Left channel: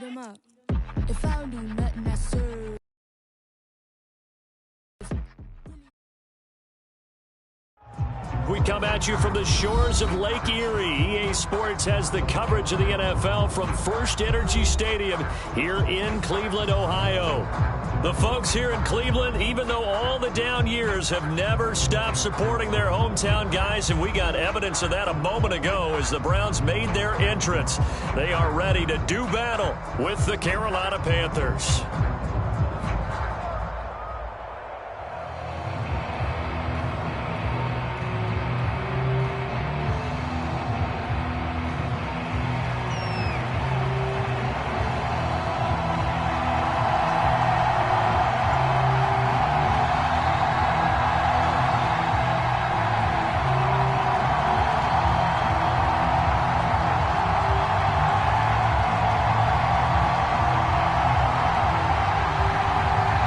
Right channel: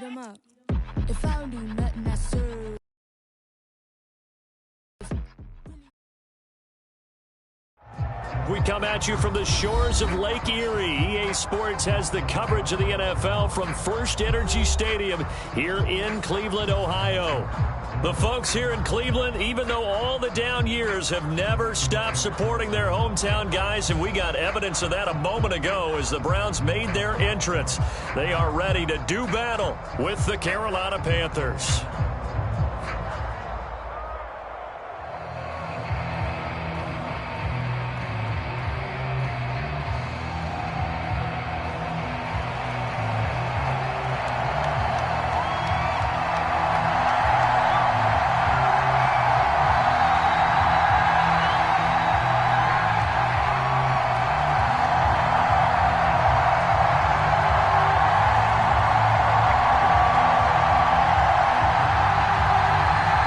eat 'em up. If I don't do nothing, I serve. We come at you from the shores of Lake Erie. EA Sports has the coverage of the NFL from First Energy Stadium here in Cleveland, Ohio. The folks here in Cleveland, even though all the down years, have never stopped supporting their hometown guys, and we got evidence of that a moment ago as the Browns made their entrance. They are ready to do battle with the Carolina Panthers.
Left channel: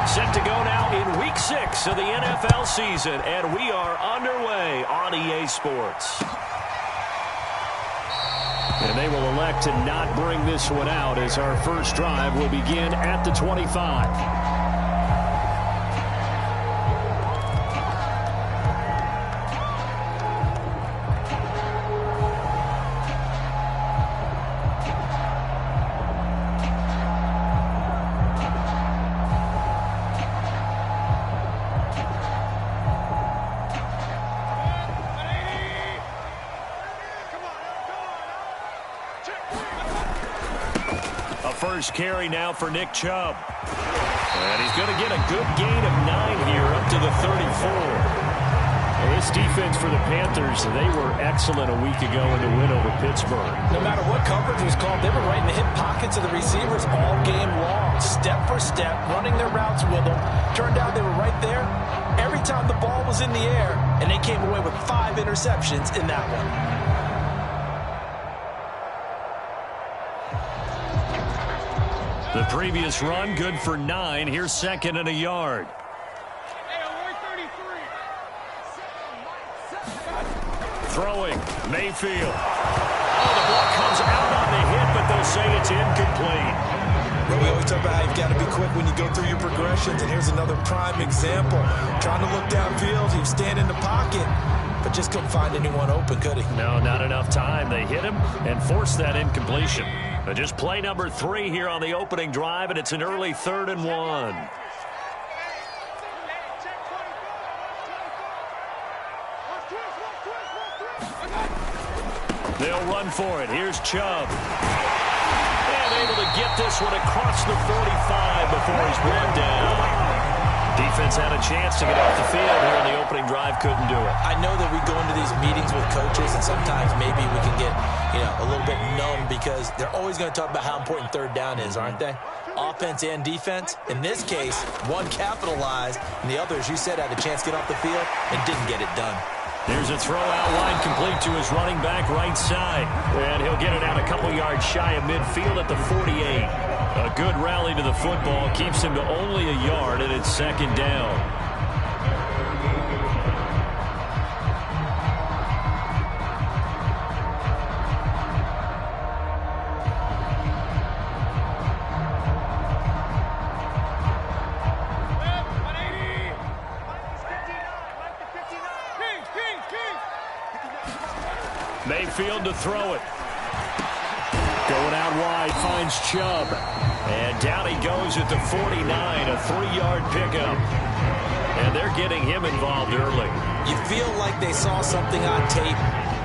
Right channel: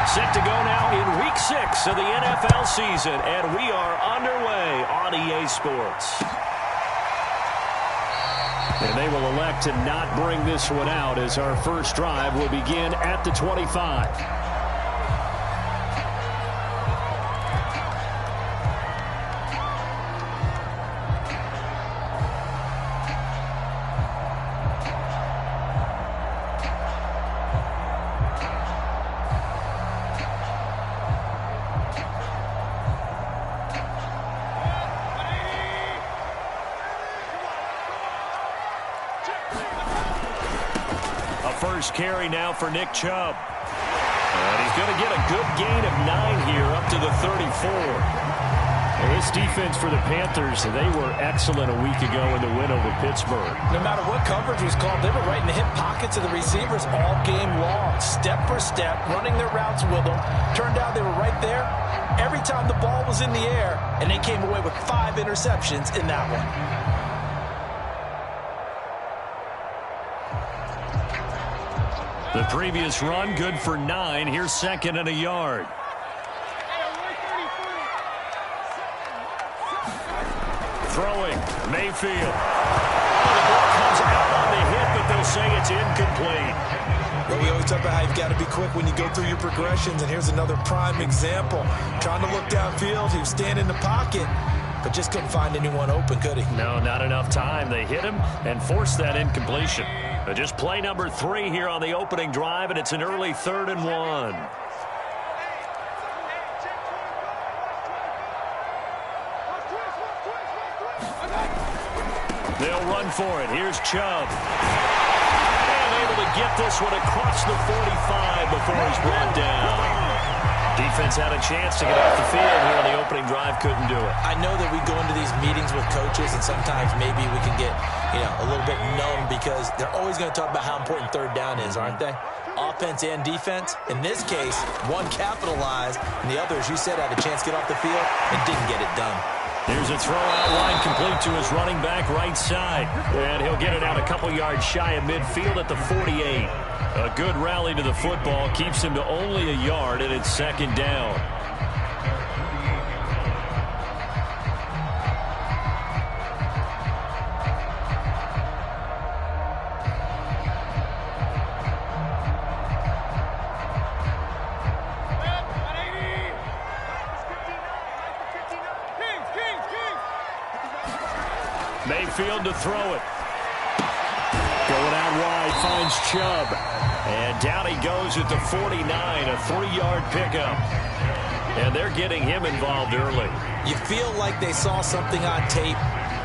Set to go now in Week 6 of the NFL season, and we are underway on EA Sports. And they will elect to not bring this one out as our first drive will begin at the 25. First carry now for Nick Chubb. And he's going to get a good gain of 9 here up to the 34. Well, this defense for the Panthers, they were excellent a week ago in the win over Pittsburgh. No matter what coverage was called, they were right in the hip pockets of the receivers all game long. Step for step, running their routes with them. Turned out they were right there every time the ball was in the air, and they came away with 5 interceptions in that one. The previous run, good for 9. Here's second and a yard. Throwing, Mayfield. Oh, the ball comes out on the hit, but they'll say it's incomplete. Well, we always talk about how you've got to be quick when you go through your progressions, and here's another prime example. Trying to look downfield, he was standing in the pocket, but just couldn't find anyone open, could he? No, not enough time. They hit him and forced that incompletion. But just play number 3 here on the opening drive, and it's an early 3rd and 1. They'll run for it. Here's Chubb. And able to get this one across the 45 before he's brought down. Defense had a chance to get off the field here in the opening drive, couldn't do it. I know that we go into these meetings with coaches, and sometimes maybe we can get, a little bit numb because they're always going to talk about how important 3rd down is, aren't they? Offense and defense. In this case, one capitalized, and the other, as you said, had a chance to get off the field and didn't get it done. Here's a throw out line complete to his running back right side. And he'll get it out a couple yards shy of midfield at the 48. A good rally to the football keeps him to only a yard, and it's 2nd down. Mayfield to throw it. Going out wide, finds Chubb. And down he goes at the 49, a 3-yard pickup. And they're getting him involved early. You feel like they saw something on tape,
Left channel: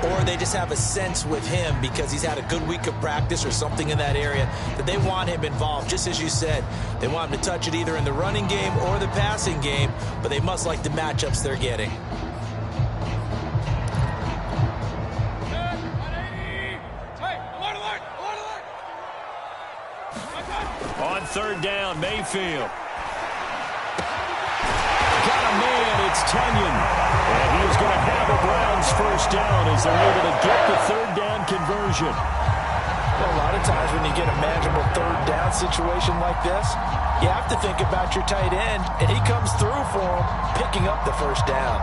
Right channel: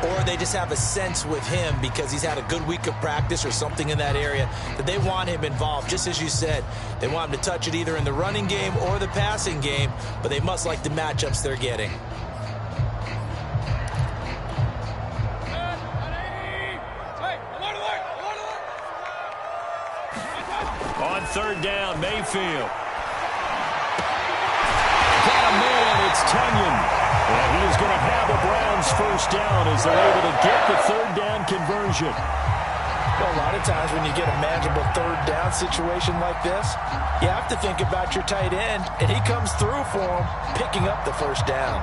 or they just have a sense with him because he's had a good week of practice or something in that area that they want him involved. Just as you said, they want him to touch it either in the running game or the passing game, but they must like the matchups they're getting. On 3rd down, Mayfield. Got a man, it's Tunyon. And he is going to have a Browns first down as they're able to get the 3rd down conversion. Well, a lot of times when you get a manageable 3rd down situation like this, you have to think about your tight end, and he comes through for him, picking up the 1st down.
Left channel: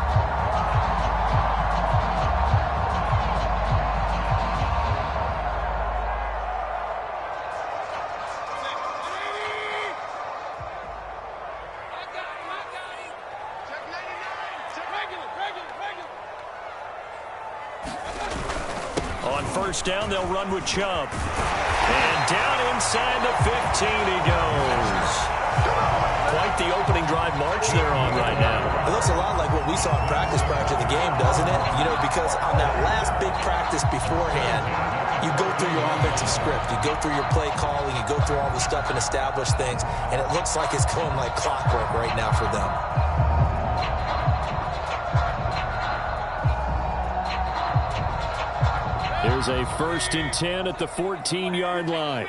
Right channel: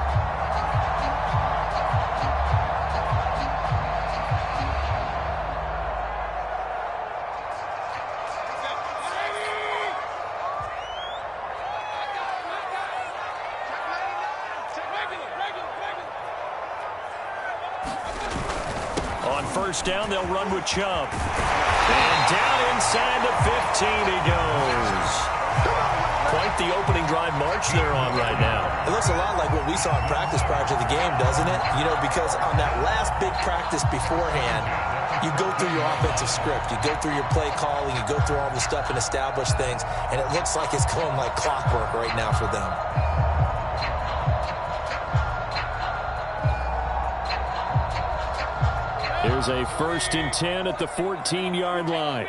On first down, they'll run with Chubb. And down inside the 15 he goes. Quite the opening drive march they're on right now. It looks a lot like what we saw in practice prior to the game, doesn't it? You know, because on that last big practice beforehand, you go through your offensive script. You go through your play calling. You go through all the stuff and establish things. And it looks like it's going like clockwork right now for them. Here's a 1st and 10 at the 14-yard line.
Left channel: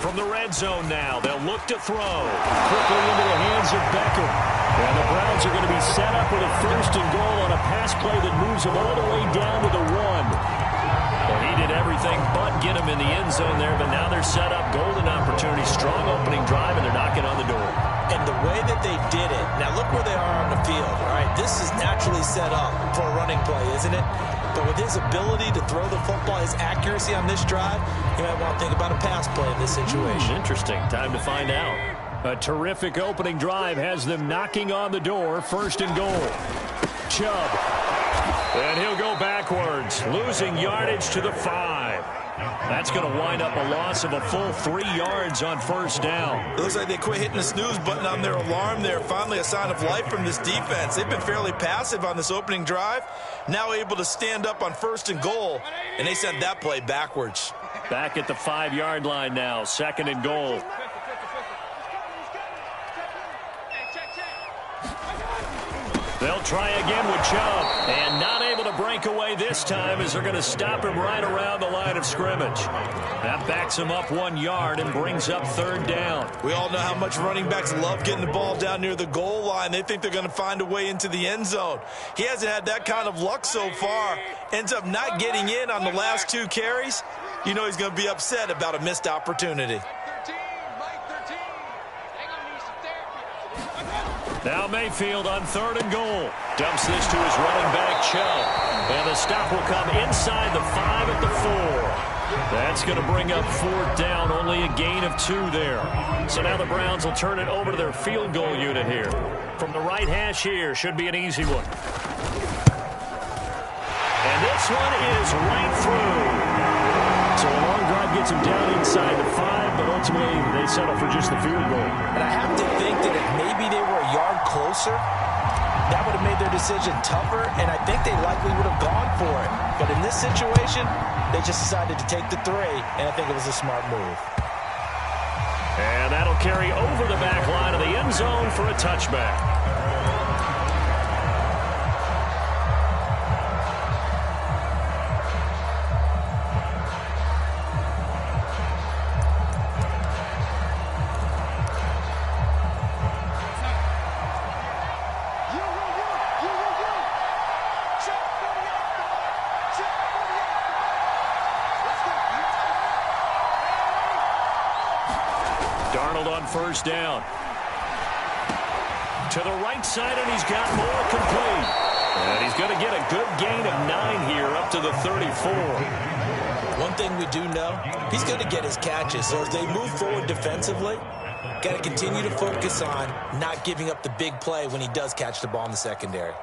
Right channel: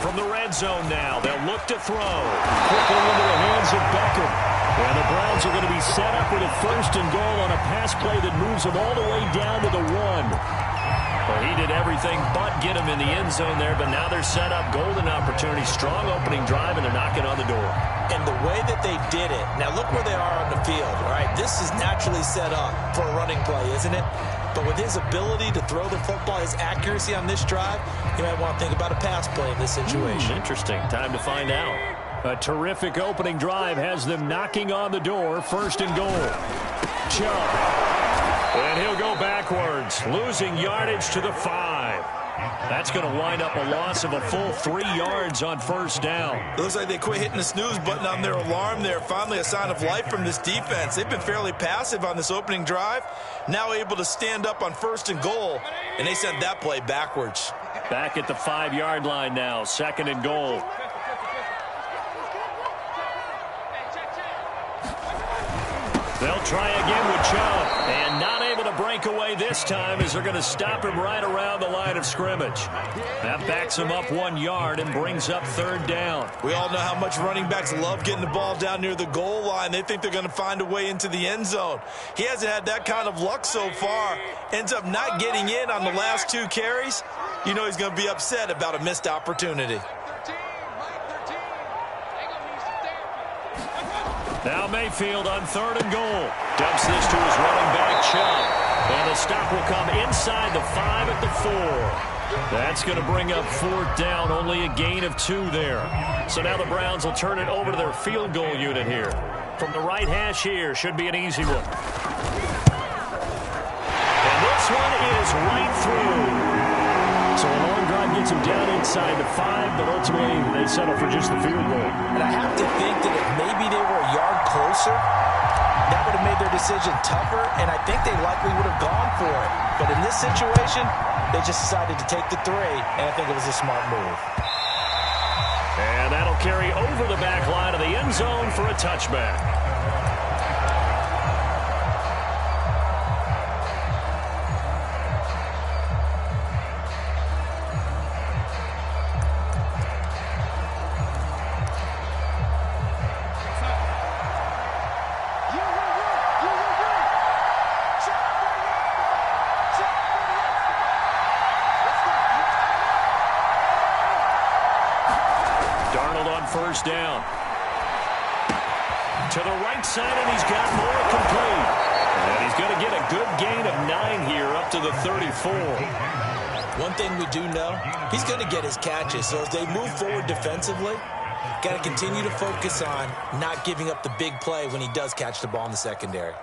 From the red zone now, they'll look to throw. Quickly into the hands of Beckham. And the Browns are going to be set up with a 1st and goal on a pass play that moves them all the way down to the 1. Well, he did everything but get him in the end zone there, but now they're set up. Golden opportunity, strong opening drive, and they're knocking on the door. And the way that they did it, now look where they are on the field, all right? This is naturally set up for a running play, isn't it? But with his ability to throw the football, his accuracy on this drive, you might want to think about a pass play in this situation. Interesting. Time to find out. A terrific opening drive has them knocking on the door. 1st and goal. Chubb. And he'll go backwards, losing yardage to the 5. That's going to wind up a loss of a full 3 yards on 1st down. It looks like they quit hitting the snooze button on their alarm there. Finally a sign of life from this defense. They've been fairly passive on this opening drive. Now able to stand up on 1st and goal, and they sent that play backwards. Back at the 5-yard line now, 2nd and goal. They'll try again with Chubb, and not able to break away this time as they're going to stop him right around the line of scrimmage. That backs him up 1 yard and brings up 3rd down. We all know how much running backs love getting the ball down near the goal line. They think they're going to find a way into the end zone. He hasn't had that kind of luck so far. Ends up not getting in on the last 2 carries. You know he's going to be upset about a missed opportunity. Now Mayfield on 3rd and goal. Dumps this to his running back, Chubb. And the stop will come inside the 5 at the 4. That's going to bring up 4th down. Only a gain of 2 there. So now the Browns will turn it over to their field goal unit here. From the right hash here, should be an easy one. And this one is right through. So a long drive gets him down inside the 5, but ultimately they settle for just the field goal. And I have to think that if maybe they were a yard closer, that would have made their decision tougher, and I think they likely would have gone for it. But in this situation, they just decided to take the 3, and I think it was a smart move. And that'll carry over the back line of the end zone for a touchback. Darnold on 1st down. To the right side, and he's got more complete. And he's going to get a good gain of 9 here up to the 34. One thing we do know, he's going to get his catches. So as they move forward defensively, got to continue to focus on not giving up the big play when he does catch the ball in the secondary.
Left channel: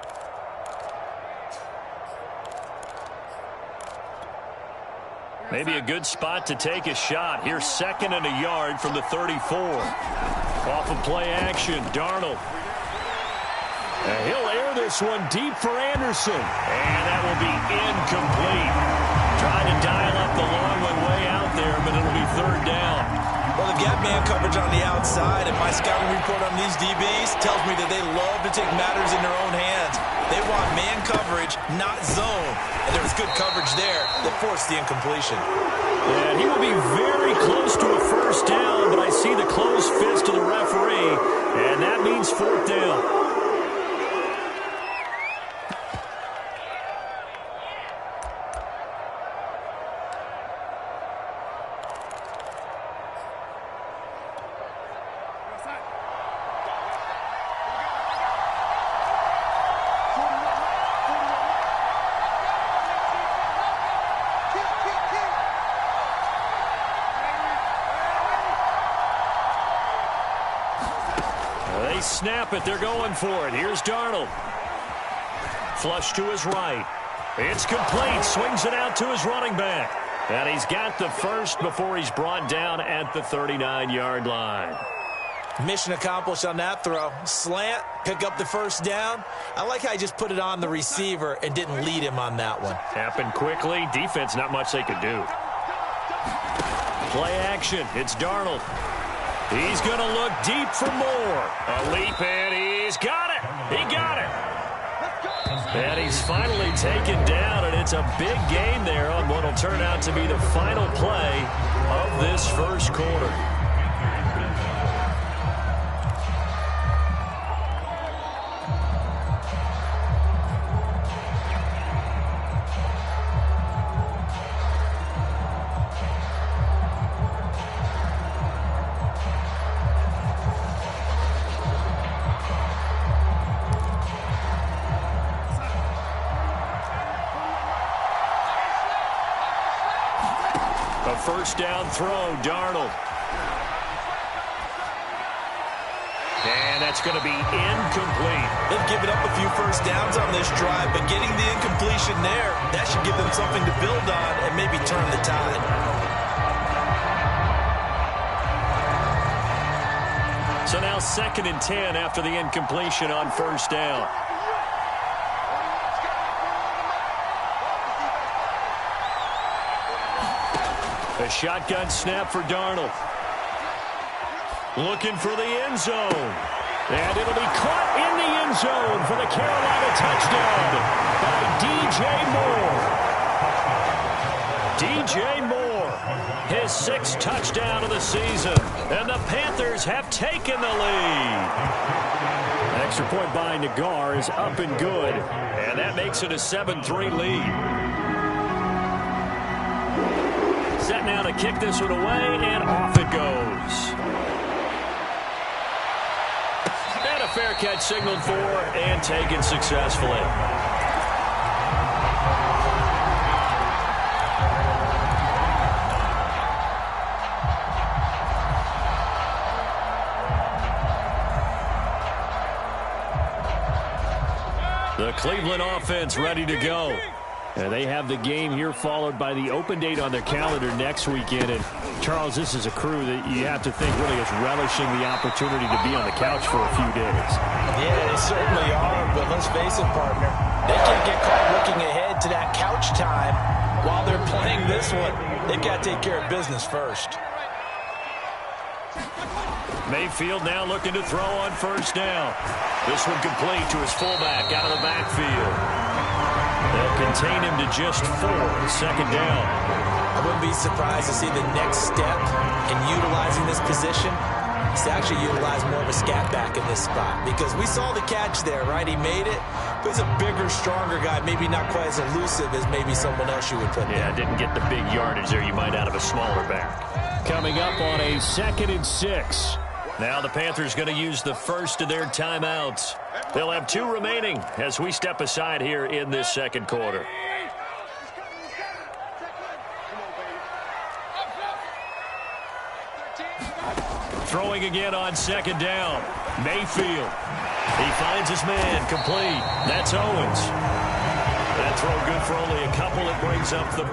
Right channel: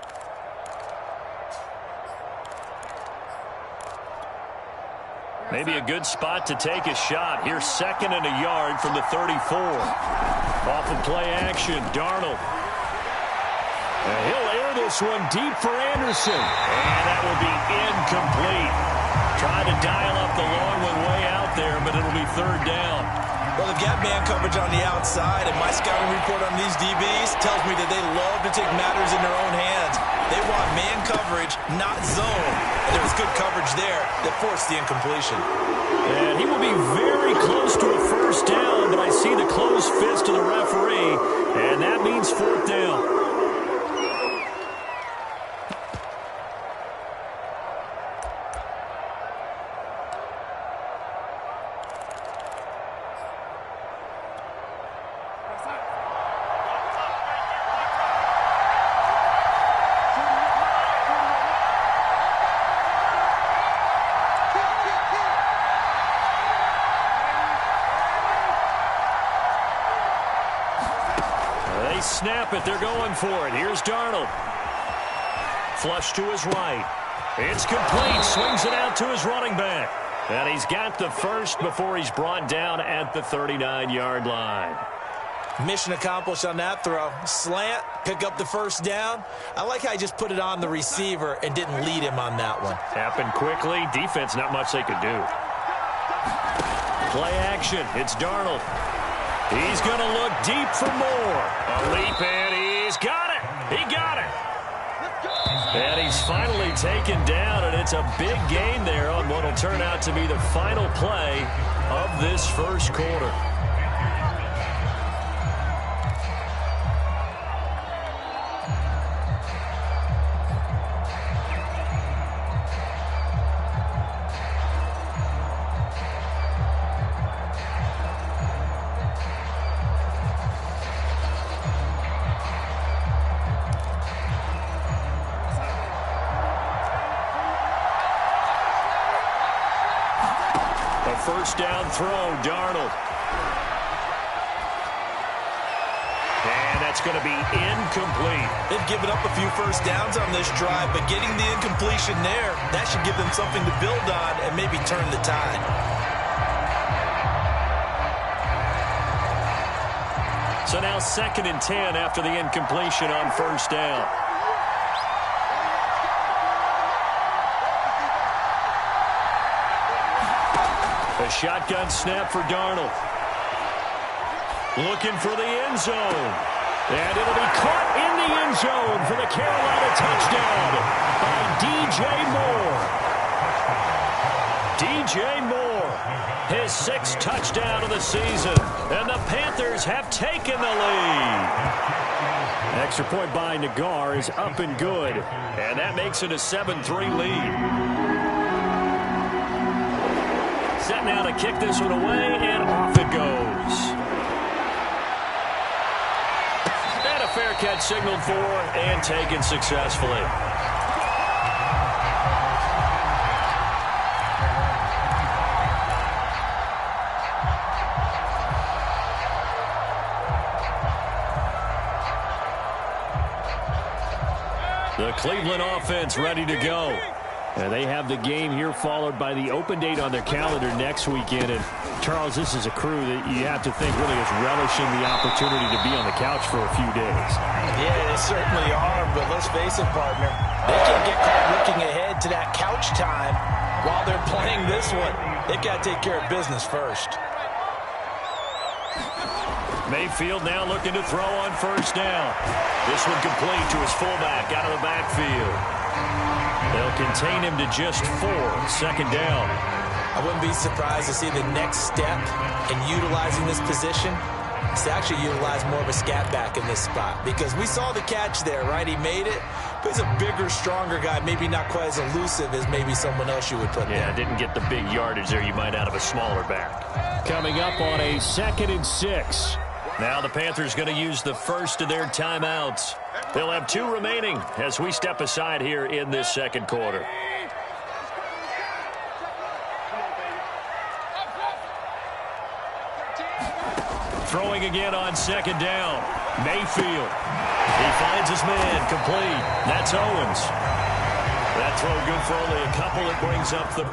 Maybe a good spot to take a shot. Here's 2nd and a yard from the 34. Off of play action, Darnold. And he'll air this one deep for Anderson. And that will be incomplete. Trying to dial up the long one way out there, but it'll be 3rd down. Well, they've got man coverage on the outside, and my scouting report on these DBs tells me that they love to take matters in their own hands. They want man coverage, not zone. And there was good coverage there that forced the incompletion. And he will be very close to a 1st down, but I see the closed fist of the referee, and that means 4th down. snap it. They're going for it. Here's Darnold. Flush to his right. It's complete. Swings it out to his running back. And he's got the first before he's brought down at the 39-yard line. Mission accomplished on that throw. Slant, pick up the first down. I like how he just put it on the receiver and didn't lead him on that one. Happened quickly. Defense, not much they could do. Play action. It's Darnold. He's going to look deep for more. A leap, and he's got it. He got it. And he's finally taken down, and it's a big gain there on what will turn out to be the final play of this first quarter. A first down throw, Darnold. And that's going to be incomplete. They've given up a few first downs on this drive, but getting the incompletion there, that should give them something to build on and maybe turn the tide. So now 2nd and 10 after the incompletion on first down. A shotgun snap for Darnold. Looking for the end zone. And it'll be caught in the end zone for the Carolina touchdown by DJ Moore. DJ Moore, his 6th touchdown of the season. And the Panthers have taken the lead. Extra point by Nagar is up and good. And that makes it a 7-3 lead. Set now to kick this one away, and off it goes. And a fair catch signaled for and taken successfully. The Cleveland offense ready to go. And they have the game here followed by the open date on their calendar next weekend. And, Charles, this is a crew that you have to think really is relishing the opportunity to be on the couch for a few days. Yeah, they certainly are, but let's face it, partner. They can't get caught looking ahead to that couch time while they're playing this one. They've got to take care of business first. Mayfield now looking to throw on first down. This one complete to his fullback out of the backfield. They'll contain him to just 4. 2nd down. I wouldn't be surprised to see the next step in utilizing this position is to actually utilize more of a scat back in this spot. Because we saw the catch there, right? He made it, but he's a bigger, stronger guy, maybe not quite as elusive as maybe someone else you would put there. Yeah, didn't get the big yardage there you might out of a smaller back. Coming up on a 2nd and 6. Now the Panthers going to use the first of their timeouts. They'll have 2 remaining as we step aside here in this second quarter. Throwing again on 2nd down. Mayfield. He finds his man complete. That's Owens. That throw good for only a couple. It brings up the...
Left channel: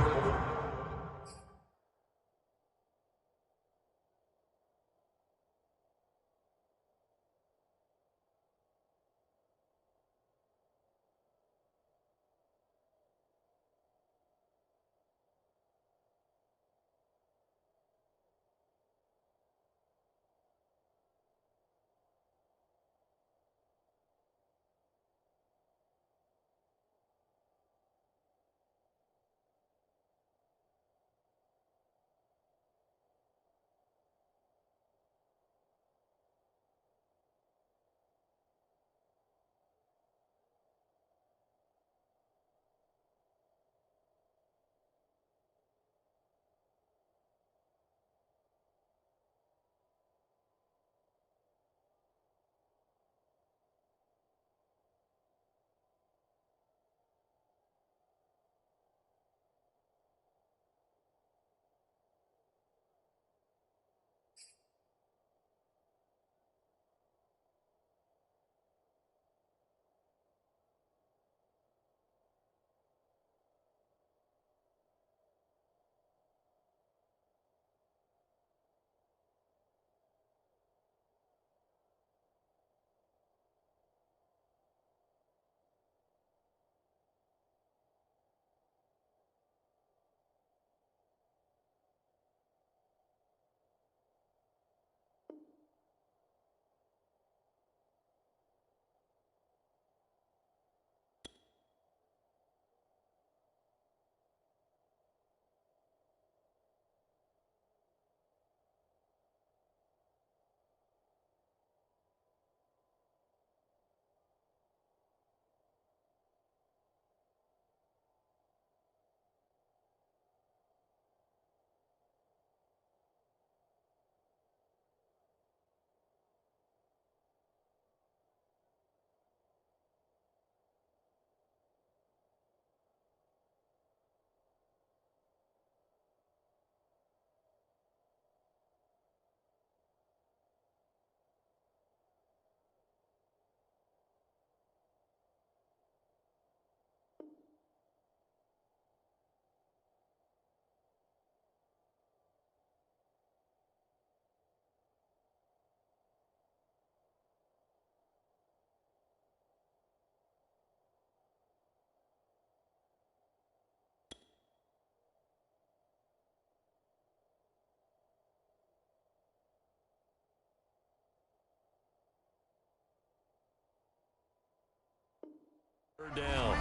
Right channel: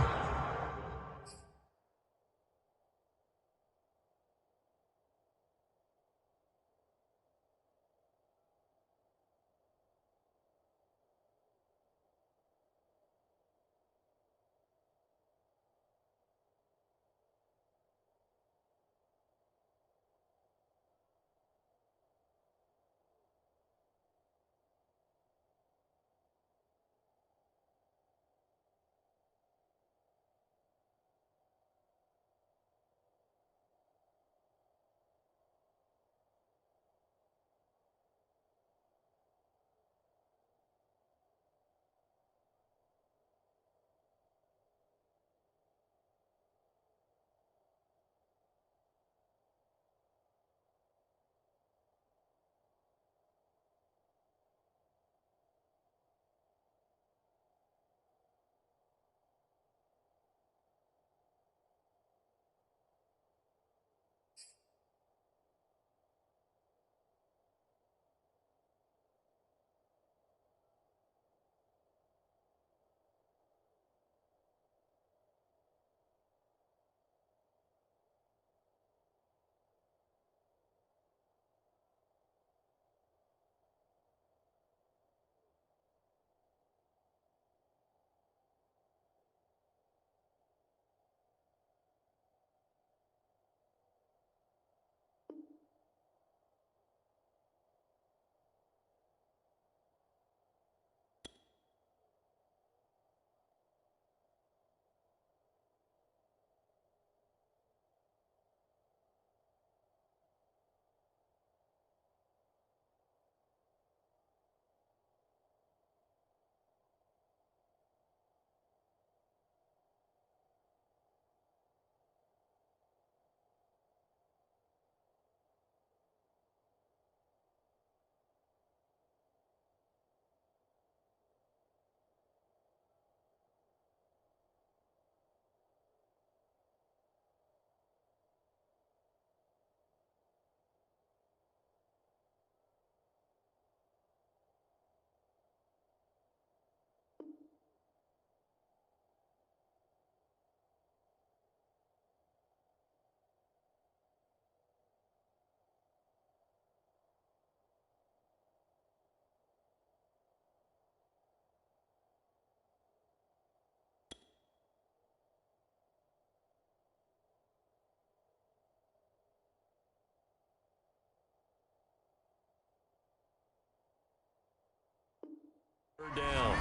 Third down.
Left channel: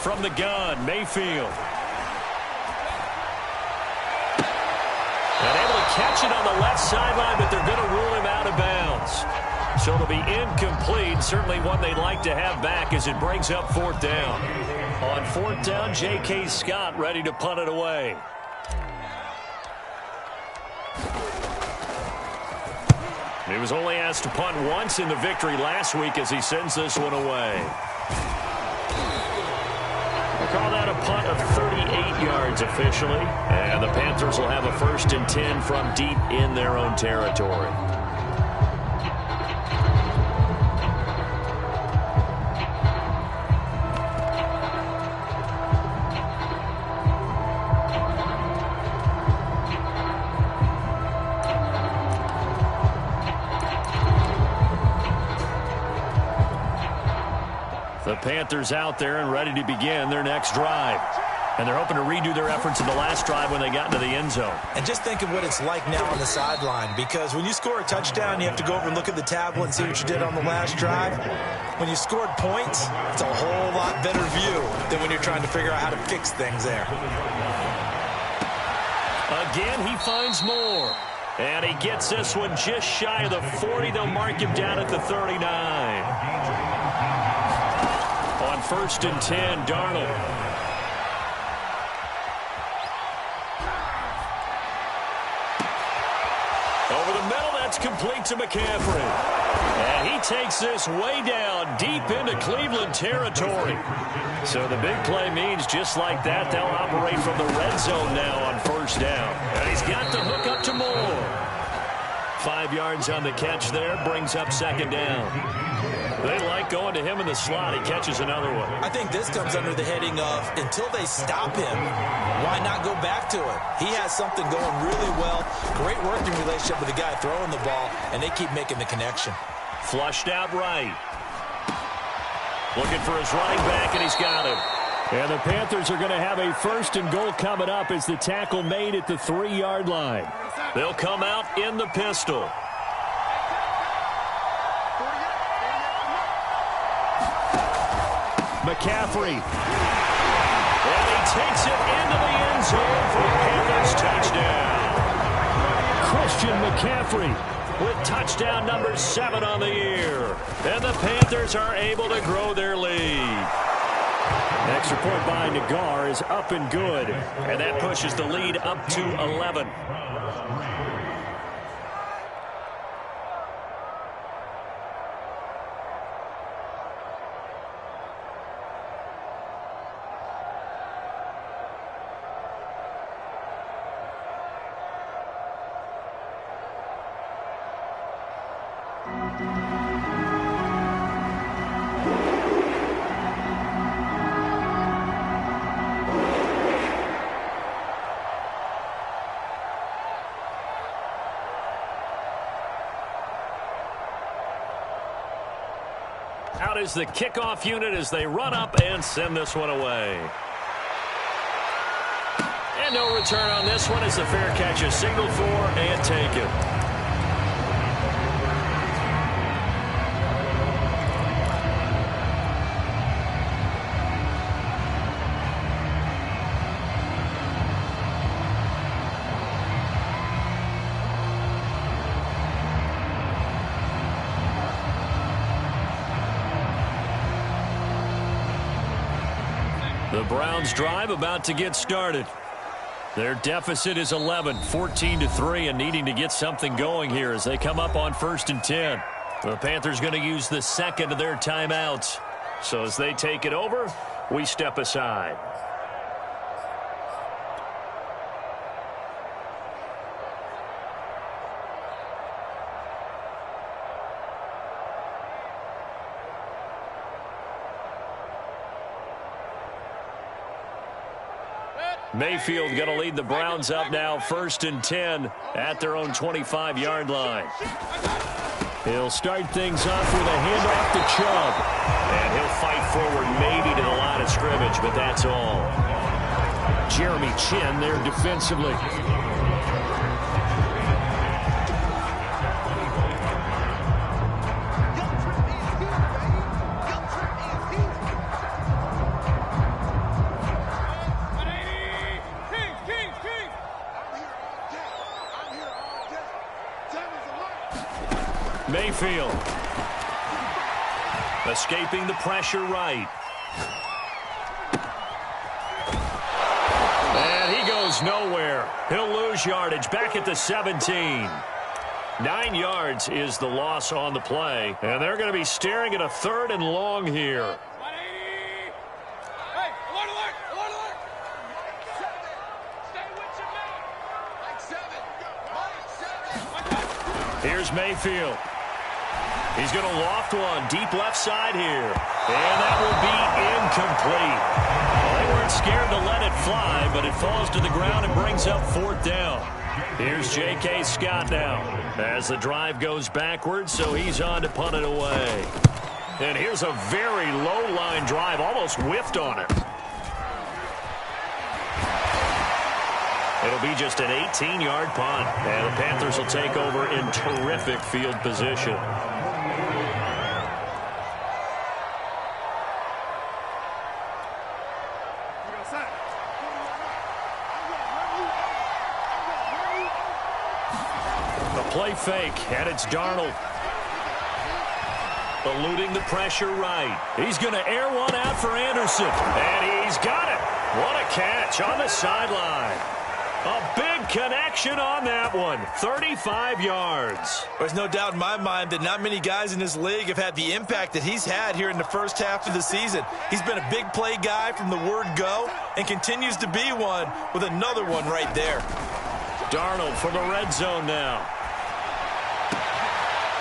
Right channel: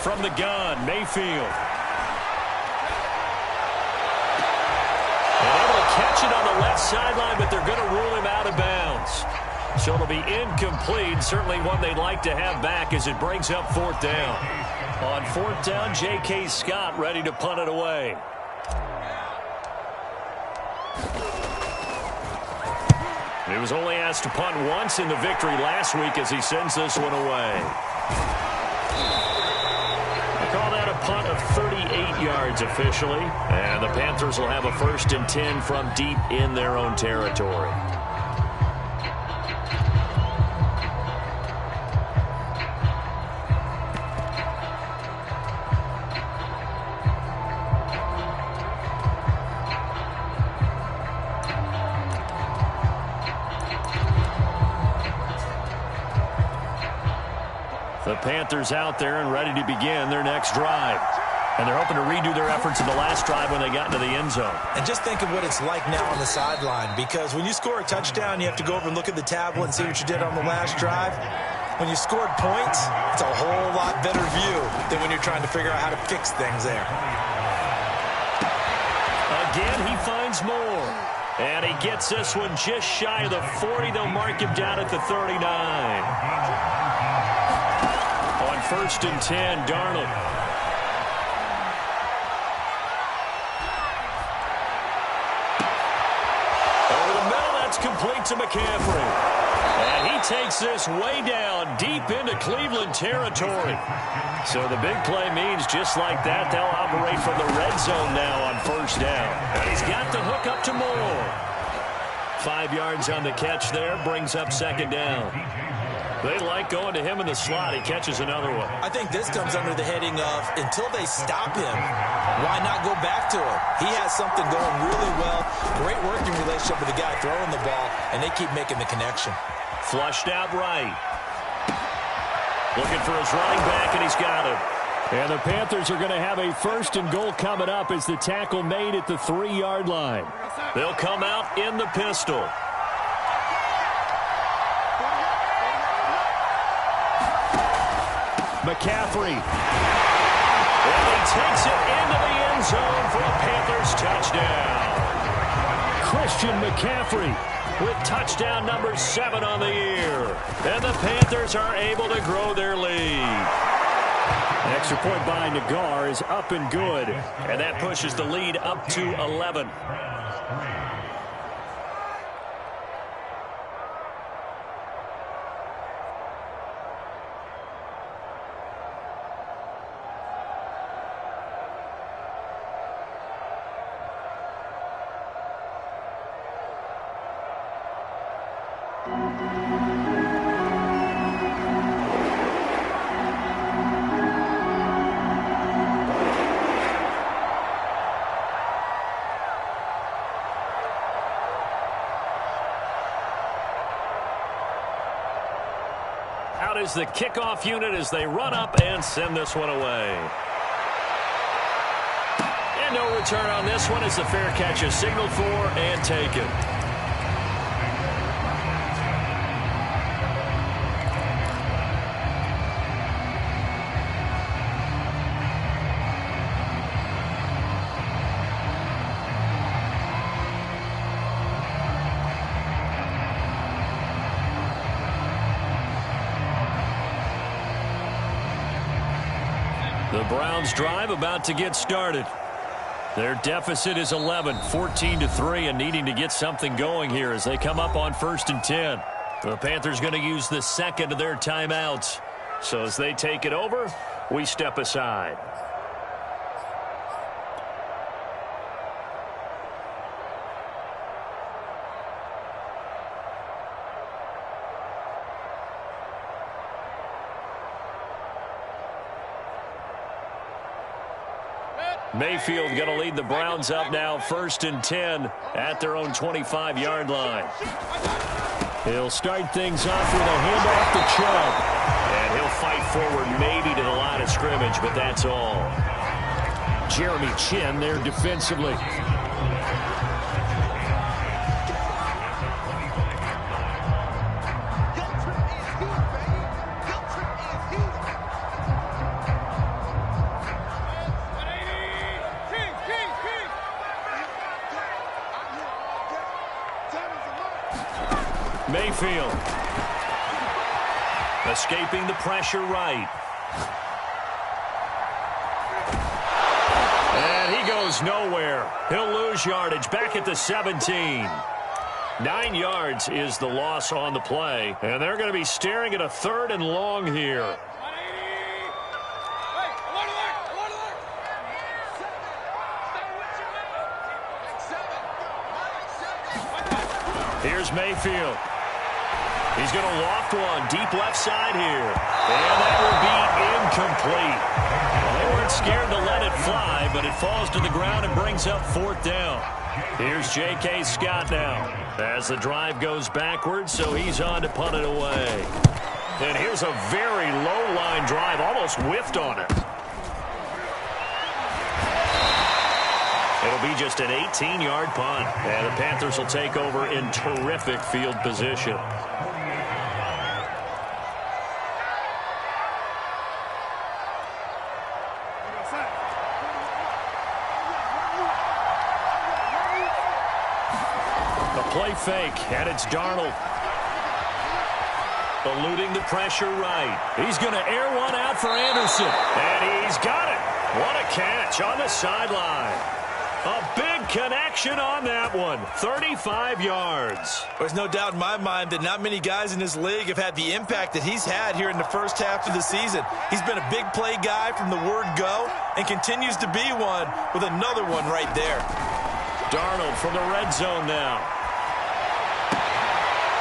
From the gun, Mayfield. And able to catch it on the left sideline, but they're going to rule him out of bounds. So it'll be incomplete. Certainly one they'd like to have back as it brings up fourth down. On fourth down, J.K. Scott ready to punt it away. He was only asked to punt once in the victory last week as he sends this one away. Call that a punt of 38 yards officially. And the Panthers will have a 1st and 10 from deep in their own territory. The Panthers out there and ready to begin their next drive. And they're hoping to redo their efforts in the last drive when they got into the end zone. And just think of what it's like now on the sideline, because when you score a touchdown, you have to go over and look at the tablet and see what you did on the last drive. When you scored points, it's a whole lot better view than when you're trying to figure out how to fix things there. Again, he finds more. And he gets this one just shy of the 40. They'll mark him down at the 39. On 1st and 10, Darnold. Over the middle, that's complete to McCaffrey. And he takes this way down, deep into Cleveland territory. So the big play means just like that, they'll operate from the red zone now on 1st down. And he's got the hook up to Moore. 5 yards on the catch there, brings up 2nd down. They like going to him in the slot. He catches another one. I think this comes under the heading of until they stop him, why not go back to him? He has something going really well. Great working relationship with the guy throwing the ball, and they keep making the connection. Flushed out right. Looking for his running back, and he's got him. And the Panthers are going to have a 1st and goal coming up as the tackle made at the 3-yard line. They'll come out in the pistol. McCaffrey. And he takes it into the end zone for a Panthers touchdown. Christian McCaffrey with touchdown number 7 on the year. And the Panthers are able to grow their lead. An extra point by Nagar is up and good. And that pushes the lead up to 11. Out is the kickoff unit as they run up and send this one away. And no return on this one as the fair catch is signaled for and taken. The Browns drive about to get started. Their deficit is 11, 14-3, and needing to get something going here as they come up on 1st and 10. The Panthers going to use the 2nd of their timeouts. So as they take it over, we step aside. Mayfield going to lead the Browns up now, 1st and 10 at their own 25-yard line. He'll start things off with a handoff to Chubb. And he'll fight forward maybe to the line of scrimmage, but that's all. Jeremy Chin there defensively. Mayfield escaping the pressure right. And he goes nowhere. He'll lose yardage back at the 17. 9 yards is the loss on the play. And they're going to be staring at a 3rd and long here. Here's Mayfield. He's going to loft one deep left side here. And that will be incomplete. Well, they weren't scared to let it fly, but it falls to the ground and brings up 4th down. Here's J.K. Scott now as the drive goes backwards, so he's on to punt it away. And here's a very low-line drive, almost whiffed on it. It'll be just an 18-yard punt, and the Panthers will take over in terrific field position. The play fake, and it's Darnold. Eluding the pressure right. He's going to air one out for Anderson, and he's got it. What a catch on the sideline. A big connection on that one. 35 yards. There's no doubt in my mind that not many guys in this league have had the impact that he's had here in the first half of the season. He's been a big play guy from the word go and continues to be one with another one right there. Darnold from the red zone now.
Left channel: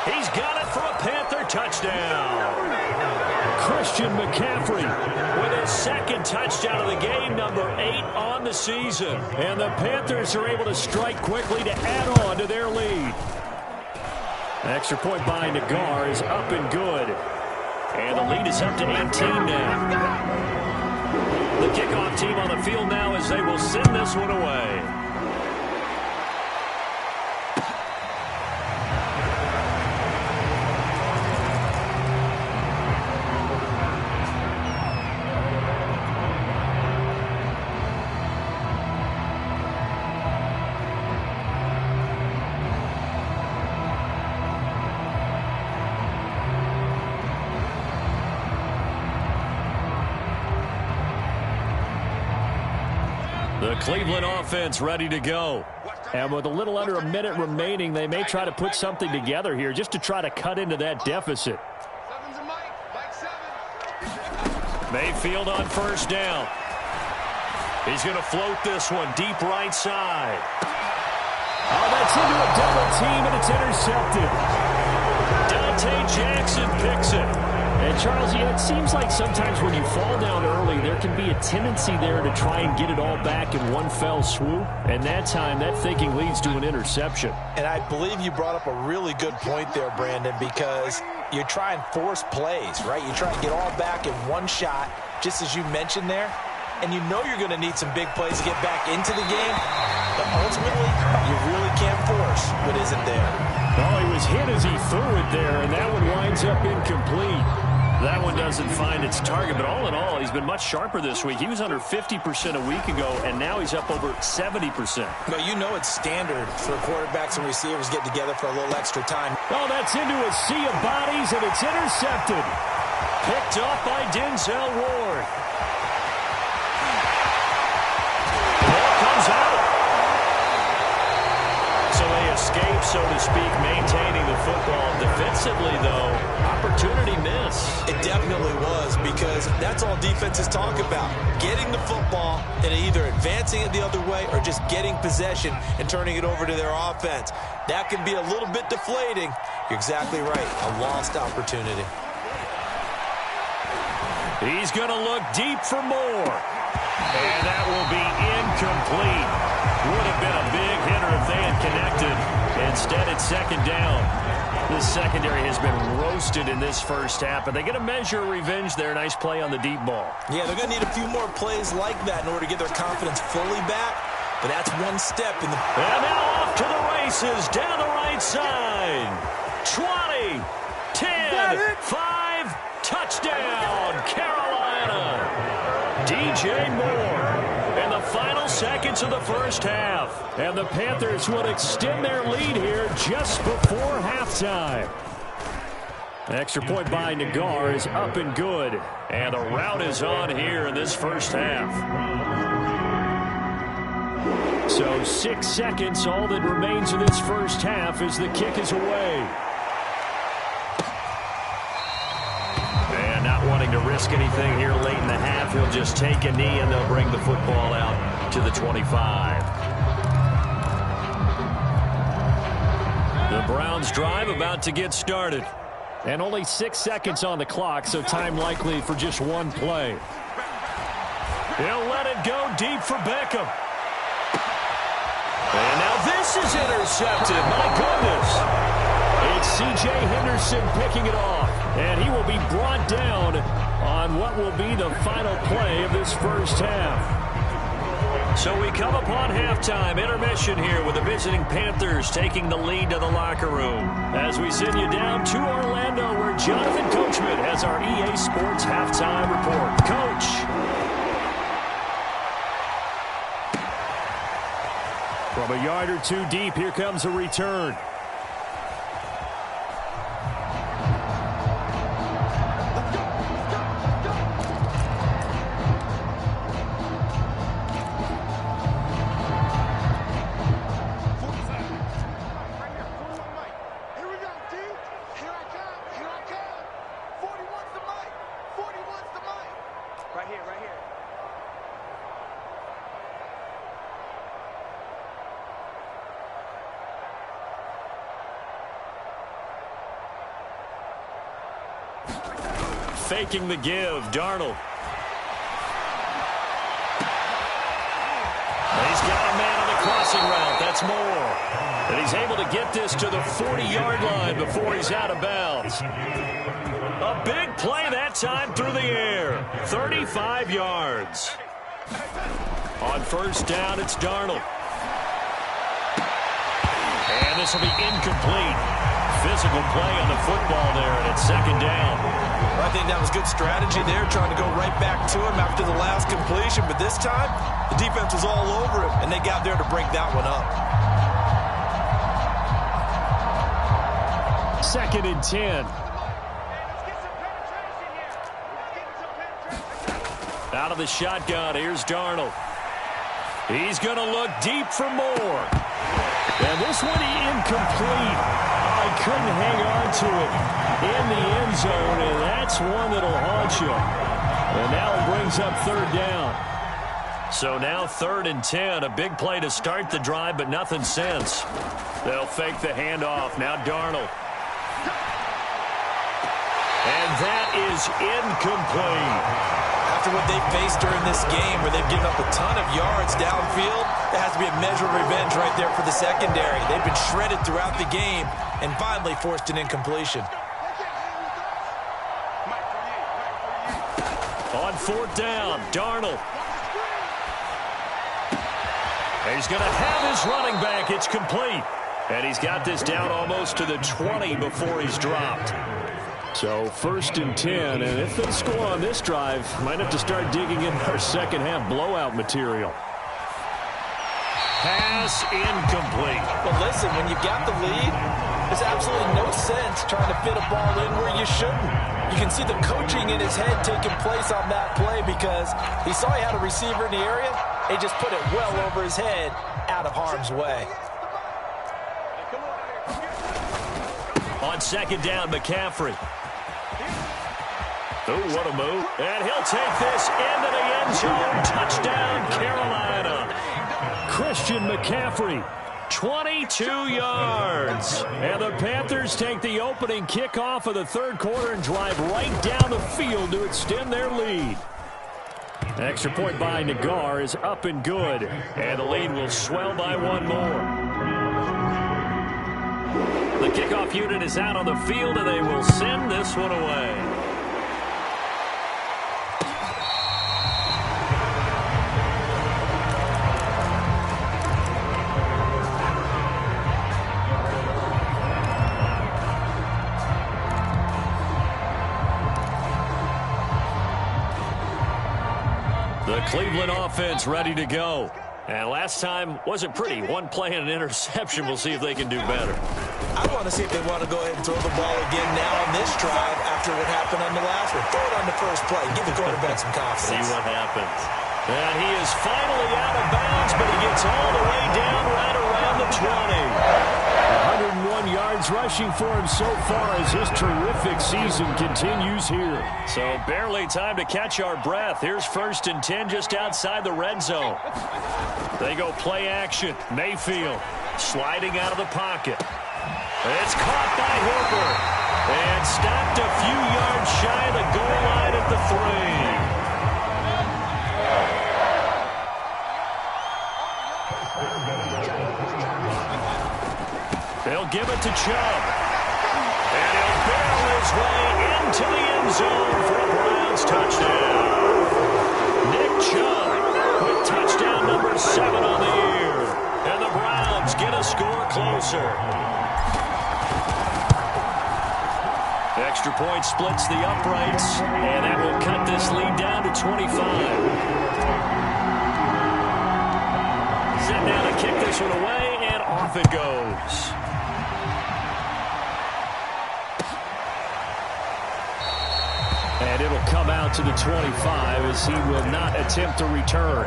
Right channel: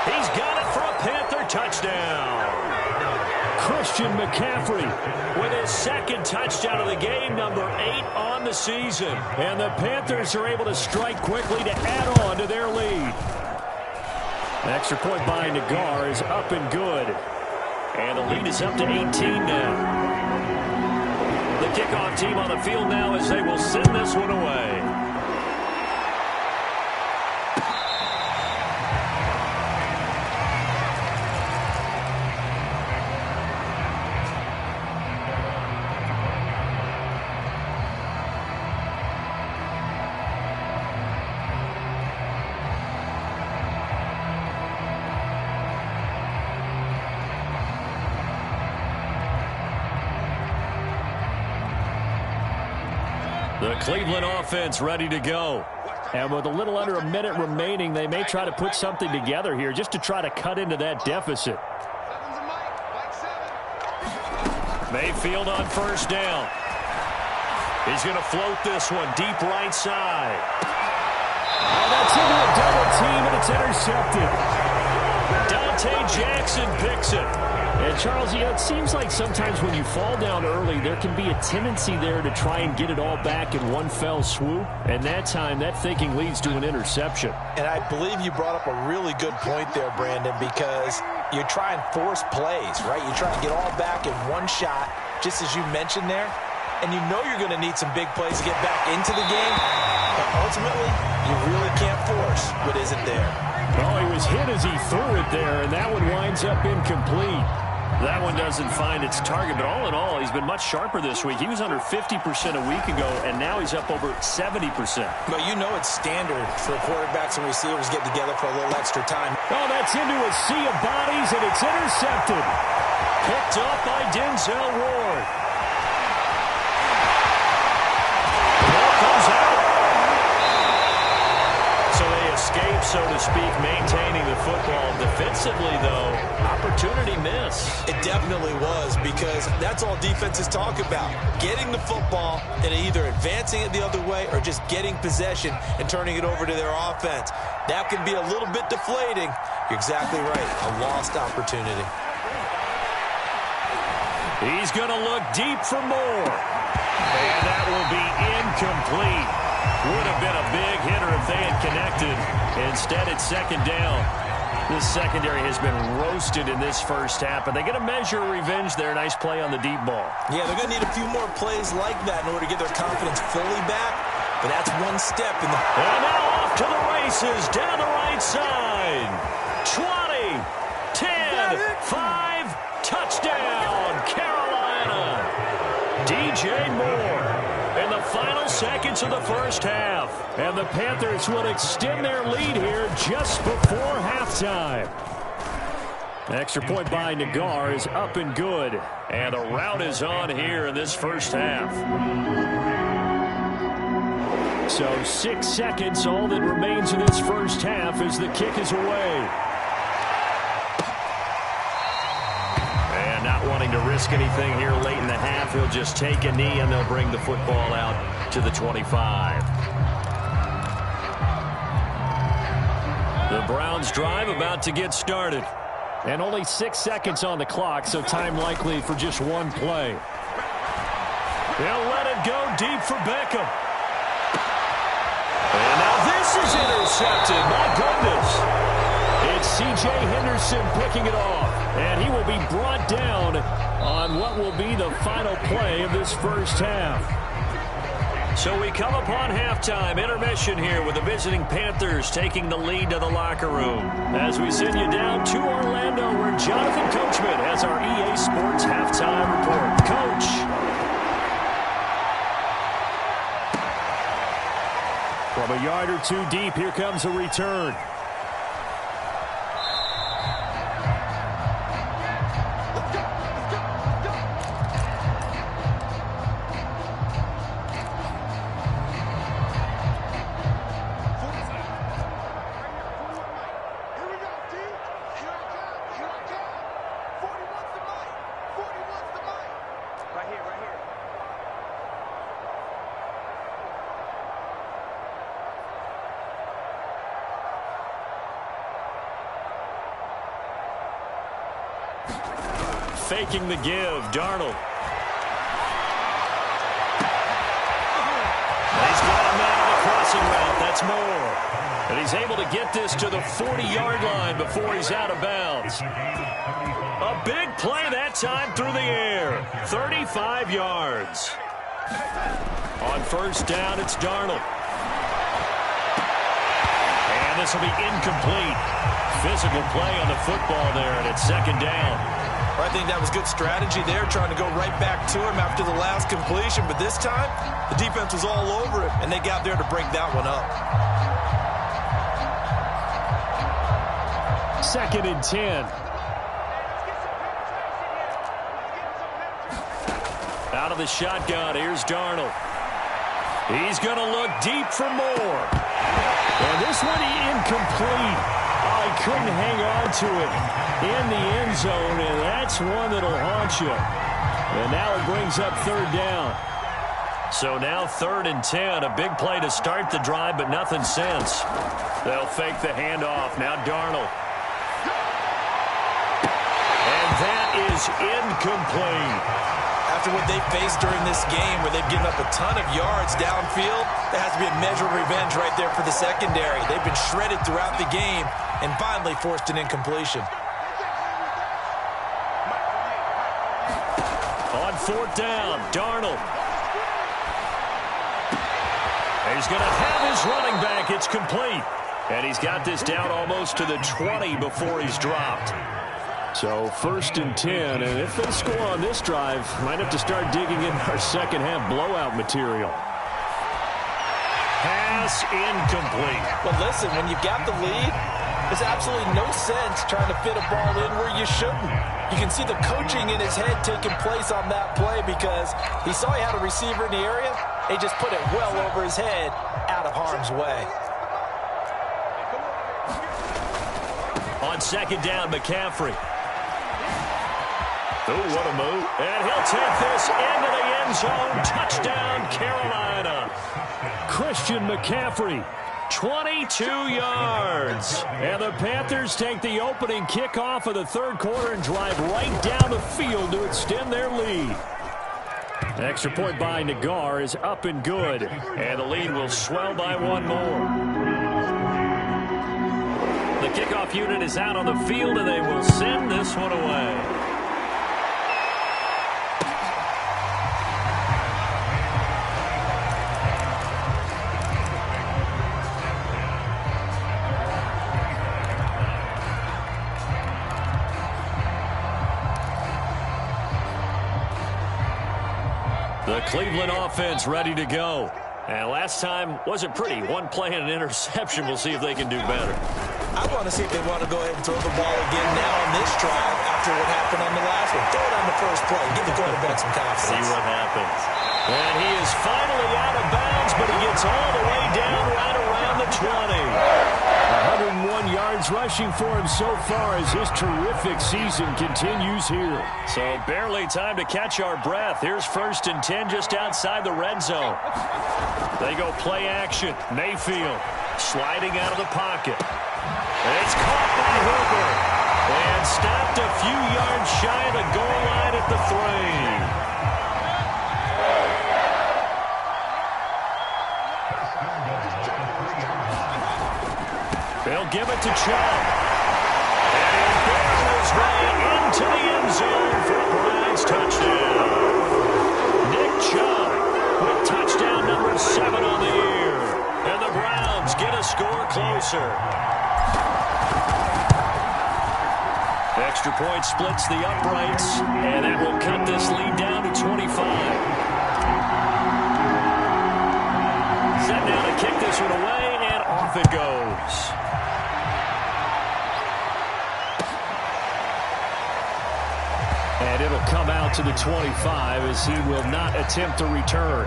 He's got it for a Panther touchdown. Christian McCaffrey with his 2nd touchdown of the game, number 8 on the season. And the Panthers are able to strike quickly to add on to their lead. An extra point by Nagar is up and good. And the lead is up to 18 now. The kickoff team on the field now as they will send this one away. The Cleveland offense ready to go. And with a little under a minute remaining, they may try to put something together here just to try to cut into that deficit. Mayfield on 1st down. He's going to float this one deep right side. Oh, that's into a double team, and it's intercepted. Dante Jackson picks it. And, Charles, it seems like sometimes when you fall down early, there can be a tendency there to try and get it all back in one fell swoop. And that time, that thinking leads to an interception. And I believe you brought up a really good point there, Brandon, because you try and force plays, right? You try and get all back in one shot, just as you mentioned there. And you know you're going to need some big plays to get back into the game. But ultimately, you really can't force what isn't there. Oh, he was hit as he threw it there, and that one winds up incomplete. That one doesn't find its target, but all in all, he's been much sharper this week. He was under 50% a week ago, and now he's up over 70%. Well, you know it's standard for quarterbacks and receivers getting together for a little extra time. Oh, that's into a sea of bodies, and it's intercepted. Picked up by Denzel Ward. The ball comes out. So they escape, so to speak, maintaining the football. Defensively, though, opportunity miss. It definitely was, because that's all defenses talk about. Getting the football and either advancing it the other way or just getting possession and turning it over to their offense. That can be a little bit deflating. You're exactly right. A lost opportunity. He's going to look deep for more. And that will be incomplete. Would have been a big hitter if they had connected. Instead, it's second down. This secondary has been roasted in this first half, but they get a measure of revenge there. Nice play on the deep ball. Yeah, they're going to need a few more plays like that in order to get their confidence fully back, but that's one step in the... And now off to the races down the right side. 20, 10, 5, touchdown, Carolina. DJ Moore in the final seconds of the first half. And the Panthers will extend their lead here just before halftime. Extra point by Nagar is up and good. And the rout is on here in this first half. So 6 seconds, all that remains of this first half as the kick is away. And not wanting to risk anything here late in the half, he'll just take a knee and they'll bring the football out to the 25. The Browns drive about to get started. And only 6 seconds on the clock, so time likely for just one play. He'll let it go deep for Beckham. And now this is intercepted. My goodness. It's C.J. Henderson picking it off. And he will be brought down on what will be the final play of this first half. So we come upon halftime, intermission here with the visiting Panthers taking the lead to the locker room. As we send you down to Orlando where Jonathan Coachman has our EA Sports halftime report. Coach. From a yard or two deep, here comes a return. Faking the give, Darnold. He's got a man on the crossing route. That's Moore. And he's able to get this to the 40-yard line before he's out of bounds. A big play that time through the air. 35 yards. On first down, it's Darnold. And this will be incomplete. Physical play on the football there, and it's second down. I think that was good strategy there, trying to go right back to him after the last completion. But this time, the defense was all over him, and they got there to break that one up. 2nd and 10. Out of the shotgun, here's Darnold. He's going to look deep for Moore. And this one incomplete. Oh, he couldn't hang on to it in the end zone, and that's one that'll haunt you. And now it brings up third down. So now 3rd and 10, a big play to start the drive, but nothing since. They'll fake the handoff. Now Darnold. And that is incomplete. After what they faced during this game where they've given up a ton of yards downfield, there has to be a measure of revenge right there for the secondary. They've been shredded throughout the game and finally forced an incompletion. On 4th down, Darnold. He's going to have his running back. It's complete. And he's got this down almost to the 20 before he's dropped. So 1st and 10, and if they score on this drive, might have to start digging in our second half blowout material. Pass incomplete. Well, listen, when you've got the lead, there's absolutely no sense trying to fit a ball in where you shouldn't. You can see the coaching in his head taking place on that play because he saw he had a receiver in the area. He just put it well over his head, out of harm's way. On 2nd down, McCaffrey. Oh, what a move. And he'll take this into the end zone. Touchdown, Carolina. Christian McCaffrey, 22 yards. And the Panthers take the opening kickoff of the 3rd quarter and drive right down the field to extend their lead. Extra point by Nagar is up and good. And the lead will swell by one more. The kickoff unit is out on the field, and they will send this one away. The Cleveland offense ready to go. And last time wasn't pretty. One play and an interception. We'll see if they can do better. I want to see if they want to go ahead and throw the ball again now on this drive after what happened on the last one. Throw it on the first play. Give the quarterback some confidence. See what happens. And he is finally out of bounds, but he gets all the way down right around the 20. 101 yards rushing for him so far as his terrific season continues here. So barely time to catch our breath. Here's 1st and 10 just outside the red zone. They go play action. Mayfield sliding out of the pocket. It's caught by Hooper. And stopped a few yards shy of the goal line at the 3. They'll give it to Chubb. And he'll barrel his way into the end zone for a Browns touchdown. Nick Chubb with touchdown number 7 on the year. And the Browns get a score closer. Extra point splits the uprights, and that will cut this lead down to 25. Set now to kick this one away, and off it goes. And it'll come out to the 25 as he will not attempt to return.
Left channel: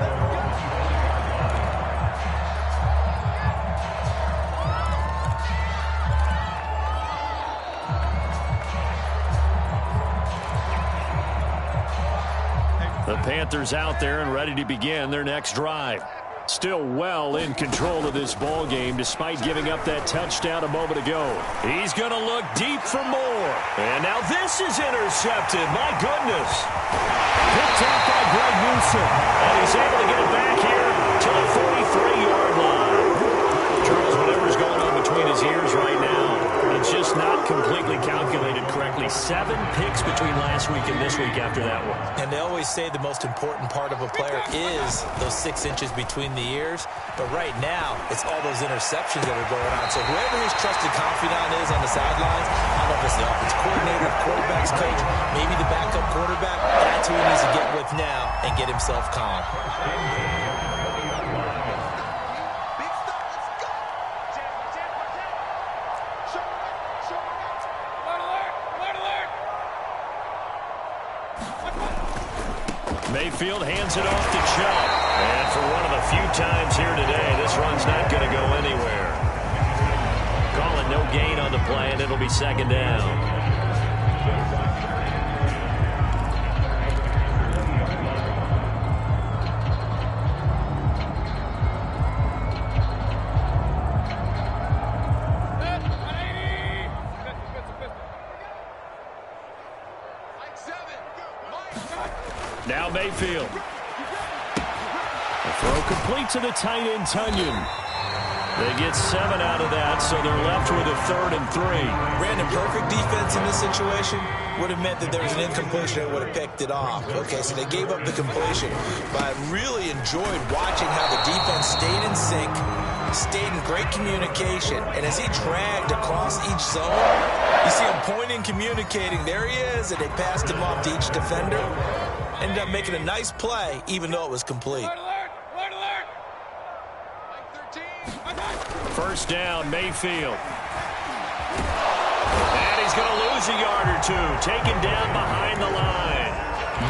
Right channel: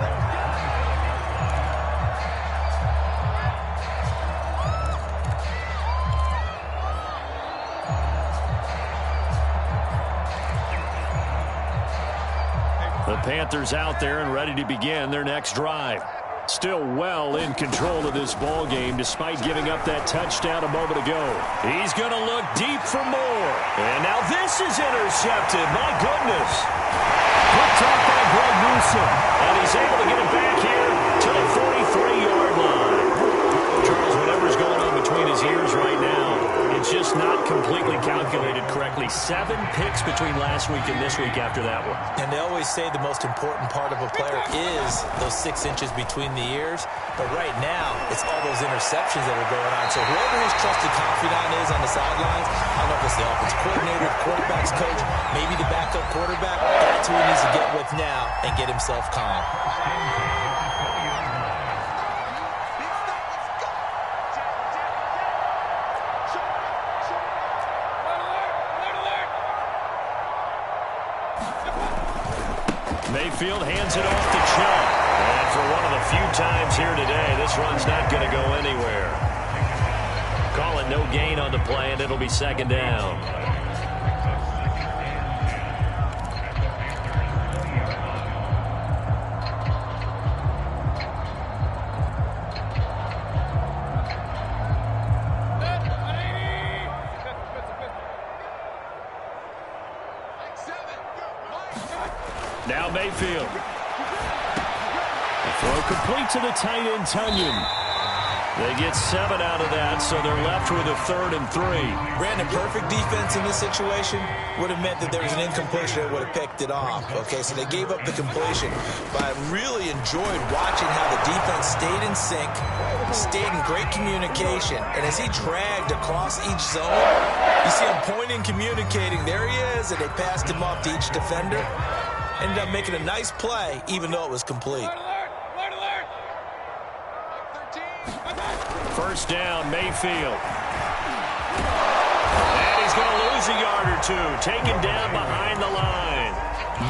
The Panthers out there and ready to begin their next drive. Still well in control of this ball game despite giving up that touchdown a moment ago. He's going to look deep for more. And now this is intercepted. My goodness. Picked off by Greg Newsome. And he's able to get it back here to the 43-yard line. Charles, whatever's going on between his ears right now, it's just not completely calculated correctly. 7 picks between last week and this week after that one. And they always say the most important part of a player is those 6 inches between the ears. But right now, it's all those interceptions that are going on. So whoever his trusted confidant is on the sidelines, I don't know if it's the offensive coordinator, quarterback's coach, maybe the backup quarterback, that's who he needs to get with now and get himself calm. Mayfield hands it off to Chubb. And for one of the few times here today, this run's not going to go anywhere. Call it no gain on the play, and it'll be 2nd down. Now Mayfield. The throw complete to the tight end, Tunyon. They get 7 out of that, so they're left with a 3rd and 3. Brandon, perfect defense in this situation would have meant that there was an incompletion that would have picked it off. Okay, so they gave up the completion. But I really enjoyed watching how the defense stayed in sync, stayed in great communication. And as he dragged across each zone, you see him pointing, communicating. There he is, and they passed him off to each defender. Ended up making a nice play, even though it was complete. Alert, alert. 13. First down, Mayfield. And he's going to lose a yard or 2. Taken down behind the line.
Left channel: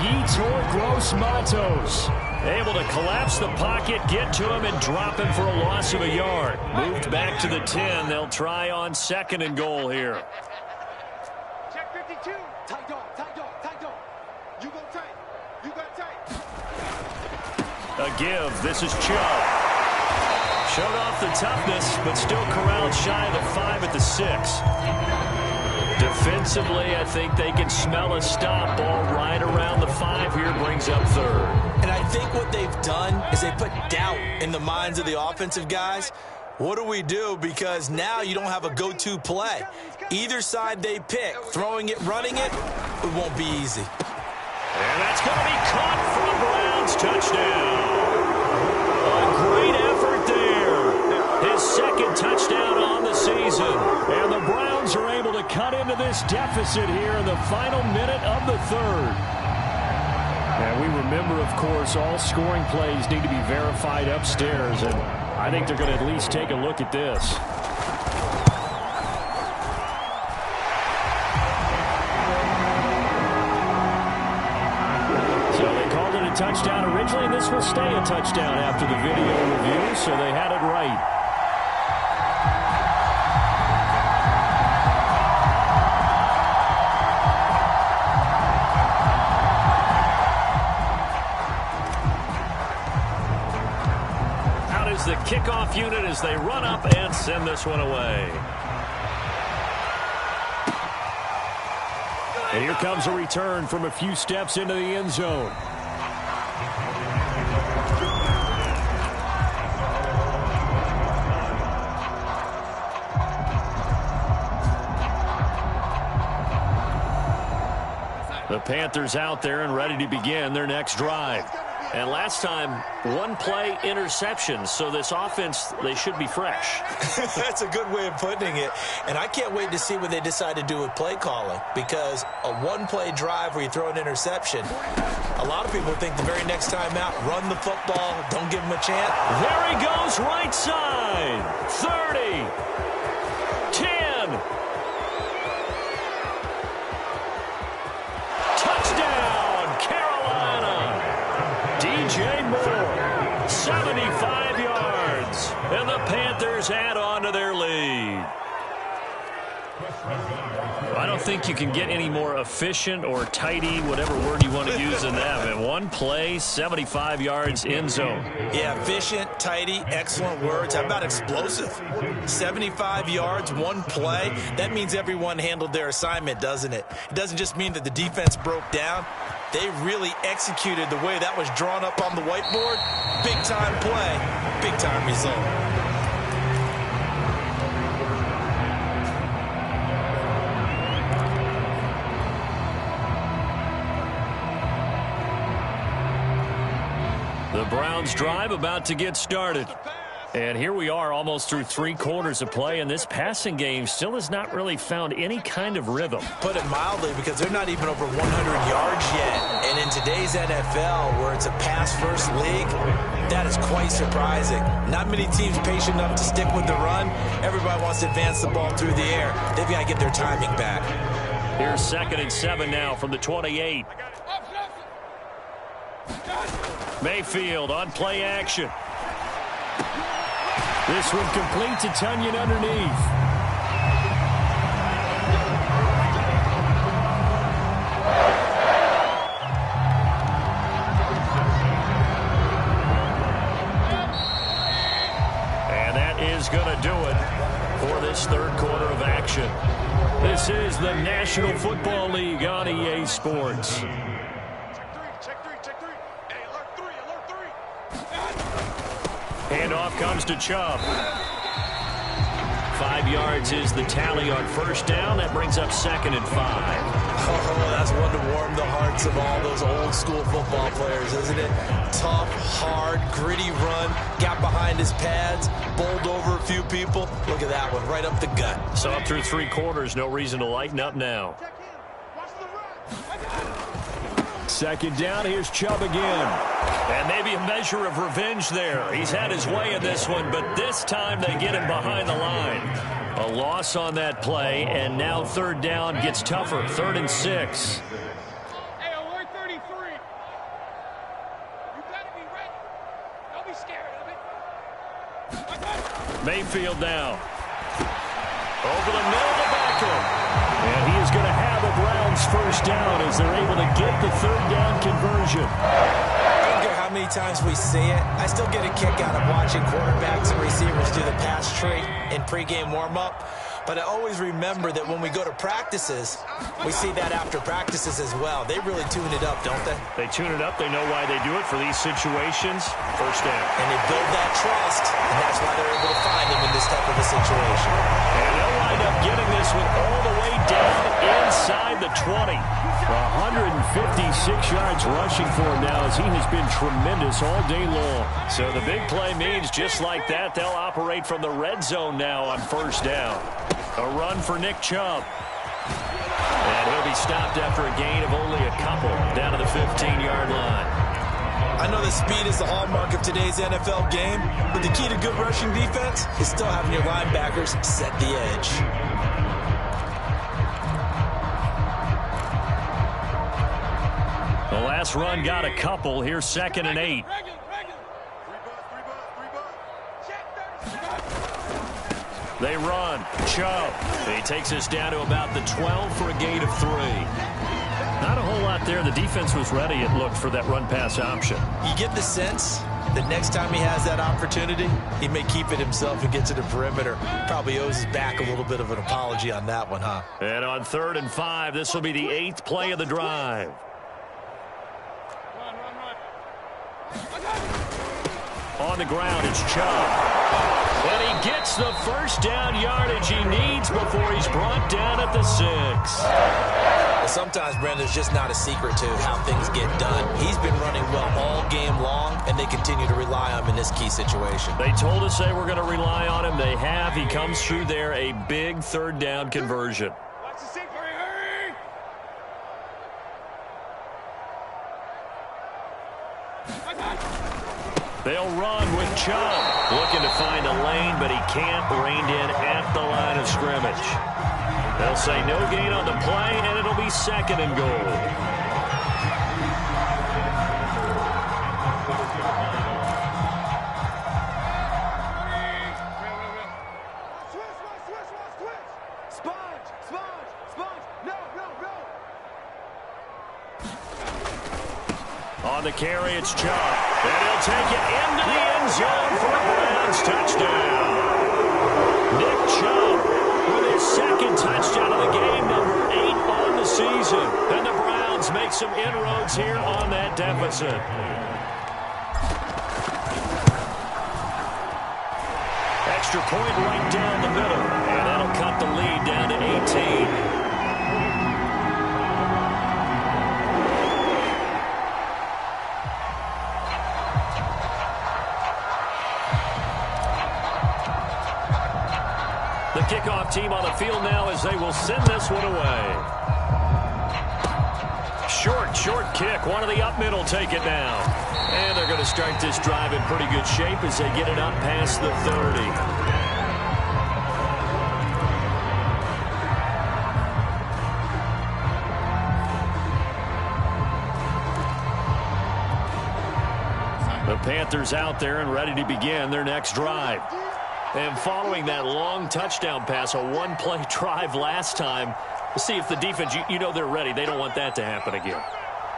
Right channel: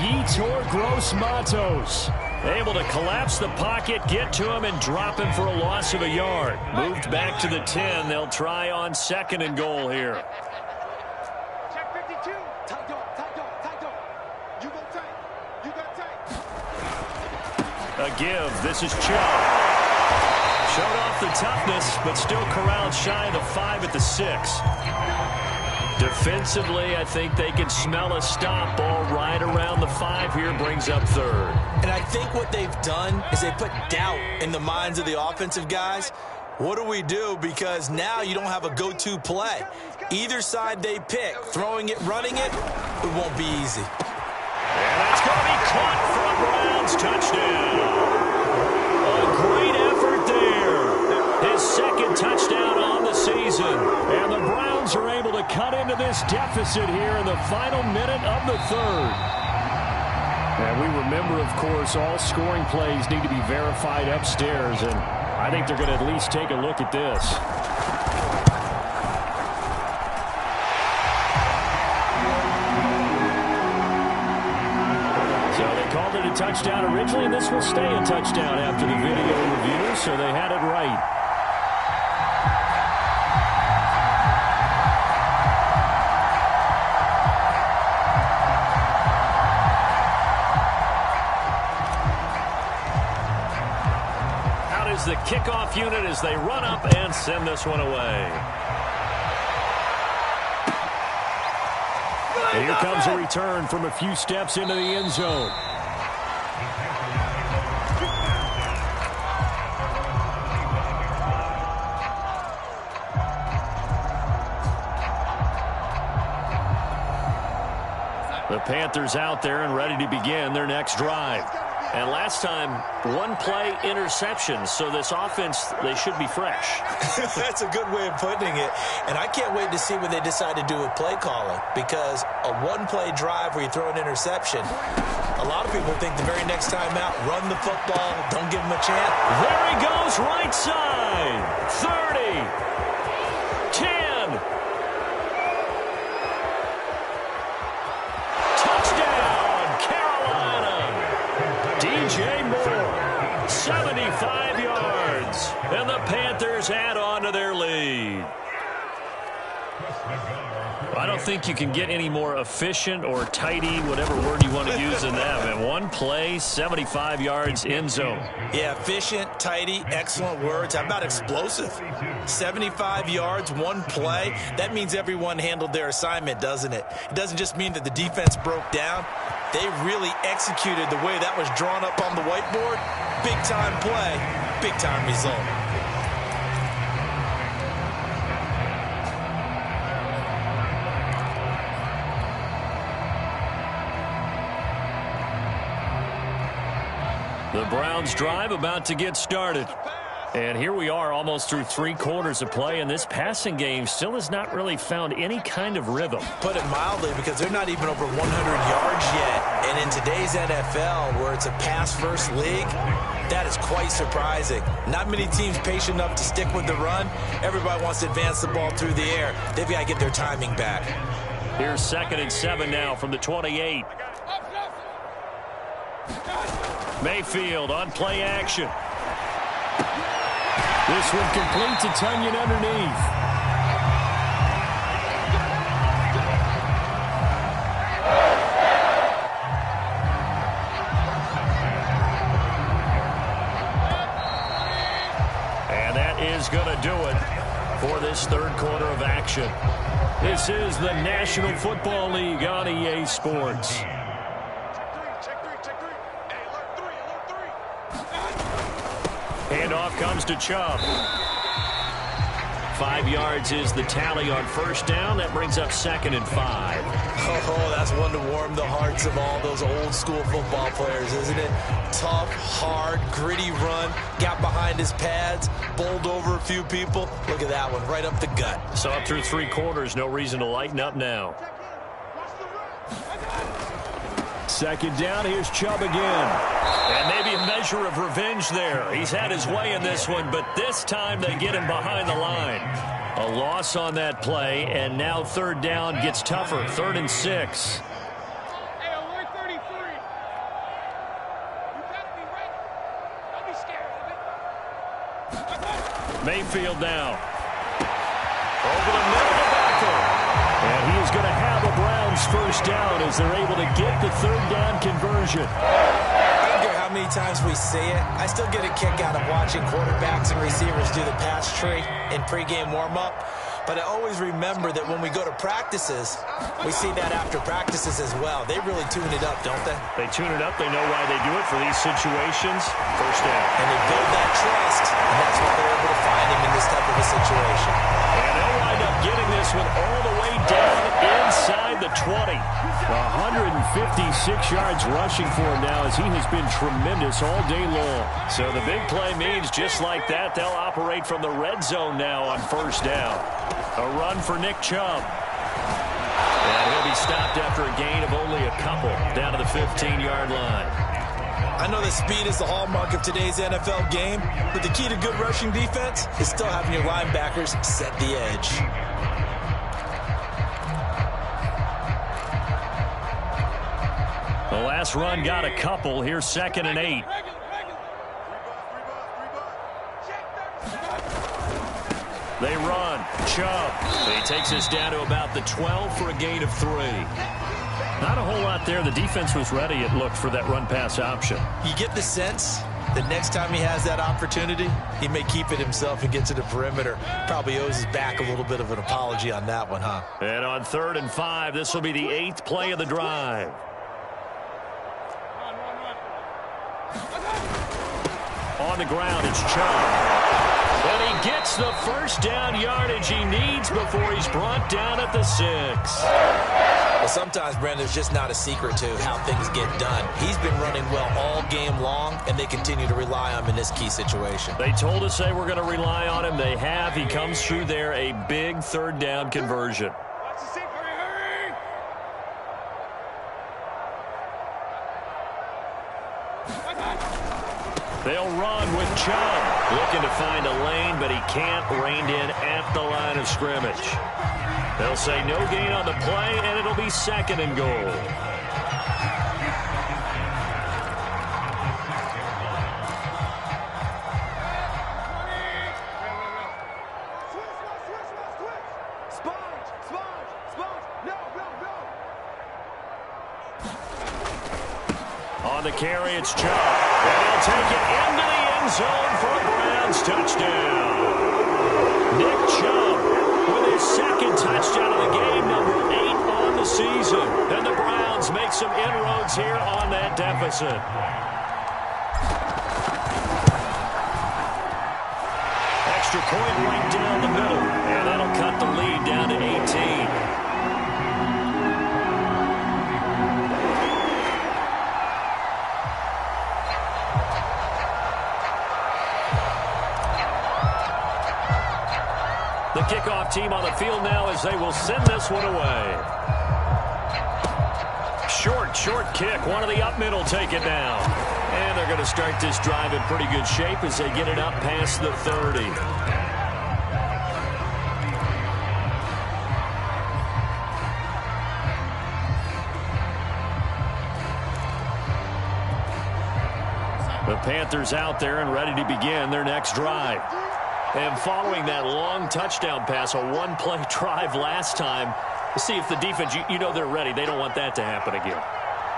Yetur Gross-Matos. Able to collapse the pocket, get to him, and drop him for a loss of a yard. Moved back to the 10. They'll try on 2nd and goal here. Check 52. Tight dog, tight dog, tight dog. You go tight. You got tight. A give. This is Chubb. Showed off the toughness, but still corralled shy of the 5 at the 6. Defensively, I think they can smell a stop. Ball right around the 5 here, brings up third. And I think what they've done is they put doubt in the minds of the offensive guys. What do we do? Because now you don't have a go-to play. Either side they pick, throwing it, running it, it won't be easy. And that's going to be caught for a Browns touchdown. A great effort there. His second touchdown on the season. And the Browns are able to cut into this deficit here in the final minute of the third. And we remember, of course, all scoring plays need to be verified upstairs. And I think they're going to at least take a look at this. So they called it a touchdown originally, and this will stay a touchdown after the video review, so they had it right. Out is the kickoff unit as they run up and send this one away. And here comes a return from a few steps into the end zone. The Panthers out there and ready to begin their next drive. And last time, one-play interception, so this offense, they should be fresh. That's a good way of putting it. And I can't wait to see what they decide to do with play calling, because a one-play drive where you throw an interception, a lot of people think the very next time out, run the football, don't give them a chance. There he goes, right side. 30. 10. Touchdown, Carolina. DJ Moore, 75 yards, and the Panthers add on to their lead. I don't think you can get any more efficient or tidy, whatever word you want to use in that. And one play, 75 yards, end zone. Yeah, efficient, tidy, excellent words. How about explosive? 75 yards, one play. That means everyone handled their assignment, doesn't it? It doesn't just mean that the defense broke down. They really executed the way that was drawn up on the whiteboard. Big-time play, big-time result. The Browns drive about to get started. And here we are almost through 3 quarters of play, and this passing game still has not really found any kind of rhythm. Put it mildly, because they're not even over 100 yards yet. And in today's NFL, where it's a pass-first league, that is quite surprising. Not many teams patient enough to stick with the run. Everybody wants to advance the ball through the air. They've got to get their timing back. Here's 2nd and 7 now from the 28. Mayfield on play action. This one complete to Tunyon underneath. And that is going to do it for this 3rd quarter of action. This is the National Football League on EA Sports. Handoff comes to Chubb. 5 yards is the tally on 1st down. That brings up 2nd and 5. Oh, that's one to warm the hearts of all those old-school football players, isn't it? Tough, hard, gritty run. Got behind his pads, bowled over a few people. Look at that one, right up the gut. So up through 3 quarters, no reason to lighten up now. 2nd down, here's Chubb again. And maybe a measure of revenge there. He's had his way in this one, but this time they get him behind the line. A loss on that play, and now 3rd down gets tougher. 3rd and 6. Hey, alert 33. You better be ready. Don't be scared of it. Mayfield now. Over the middle to Beckham. And he is going to have a Browns 1st down as they're able to get the 3rd down conversion. I don't care how many times we see it. I still get a kick out of watching quarterbacks and receivers do the pass tree in pregame warm-up. But I always remember that when we go to practices, we see that after practices as well. They really tune it up, don't they? They tune it up. They know why they do it for these situations. First down. And they build that trust, and that's why they're able to find him in this type of a situation. And they'll wind up getting this one all the way down inside the 20. 156 yards rushing for him now as he has been tremendous all day long. So the big play means just like that, they'll operate from the red zone now on first down. A run for Nick Chubb. And he'll be stopped after a gain of only a couple down to the 15-yard line. I know that speed is the hallmark of today's NFL game, but the key to good rushing defense is still having your linebackers set the edge. The last run got a couple. Here's 2nd and 8. They run. Chubb. He takes us down to about the 12 for a gain of 3. Not a whole lot there. The defense was ready, it looked, for that run-pass option. You get the sense that next time he has that opportunity, he may keep it himself and get to the perimeter. Probably owes his back a little bit of an apology on that one, huh? And on 3rd and 5, this will be the 8th play of the drive. On the ground, it's Chubb. And he gets the first down yardage he needs before he's brought down at the 6. Well, sometimes, Brandon, there's just not a secret to how things get done. He's been running well all game long, and they continue to rely on him in this key situation. They told us they were going to rely on him. They have. He comes through there, a big 3rd down conversion. Watch the seat. Hurry. They'll run with Chubb. Looking to find a lane, but he can't. Reined in at the line of scrimmage. They'll say no gain on the play, and it'll be 2nd and goal. On the carry, it's Chubb. And he'll take it into the end zone for a Browns touchdown. Nick Chubb with his 2nd touchdown of the game, number 8 on the season. And the Browns make some inroads here on that deficit. Extra point right down the middle. And that'll cut the lead down to 18. The kickoff team on the field now as they will send this one away. Short kick. One of the up middle take it now. And they're going to start this drive in pretty good shape as they get it up past the 30. The Panthers out there and ready to begin their next drive. And following that long touchdown pass, a one-play drive last time, we'll see if the defense, you know they're ready. They don't want that to happen again.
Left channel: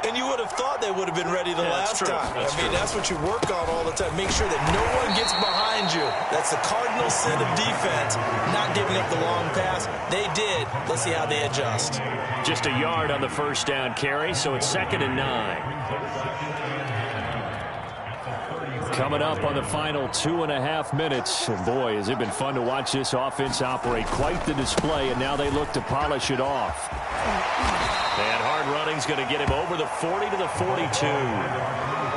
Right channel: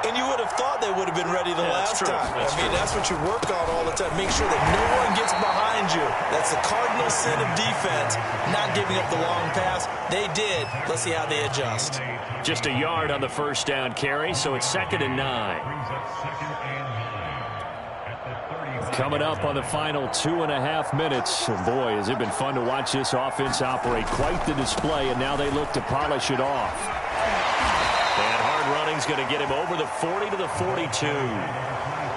And you would have thought they would have been ready the last time. That's what you work on all the time. Make sure that no one gets behind you. That's the cardinal sin of defense, not giving up the long pass. They did. Let's see how they adjust. Just a yard on the first down carry, so it's 2nd and 9. Coming up on the final 2.5 minutes. And boy, has it been fun to watch this offense operate. Quite the display, and now they look to polish it off. And hard running's going to get him over the 40 to the 42.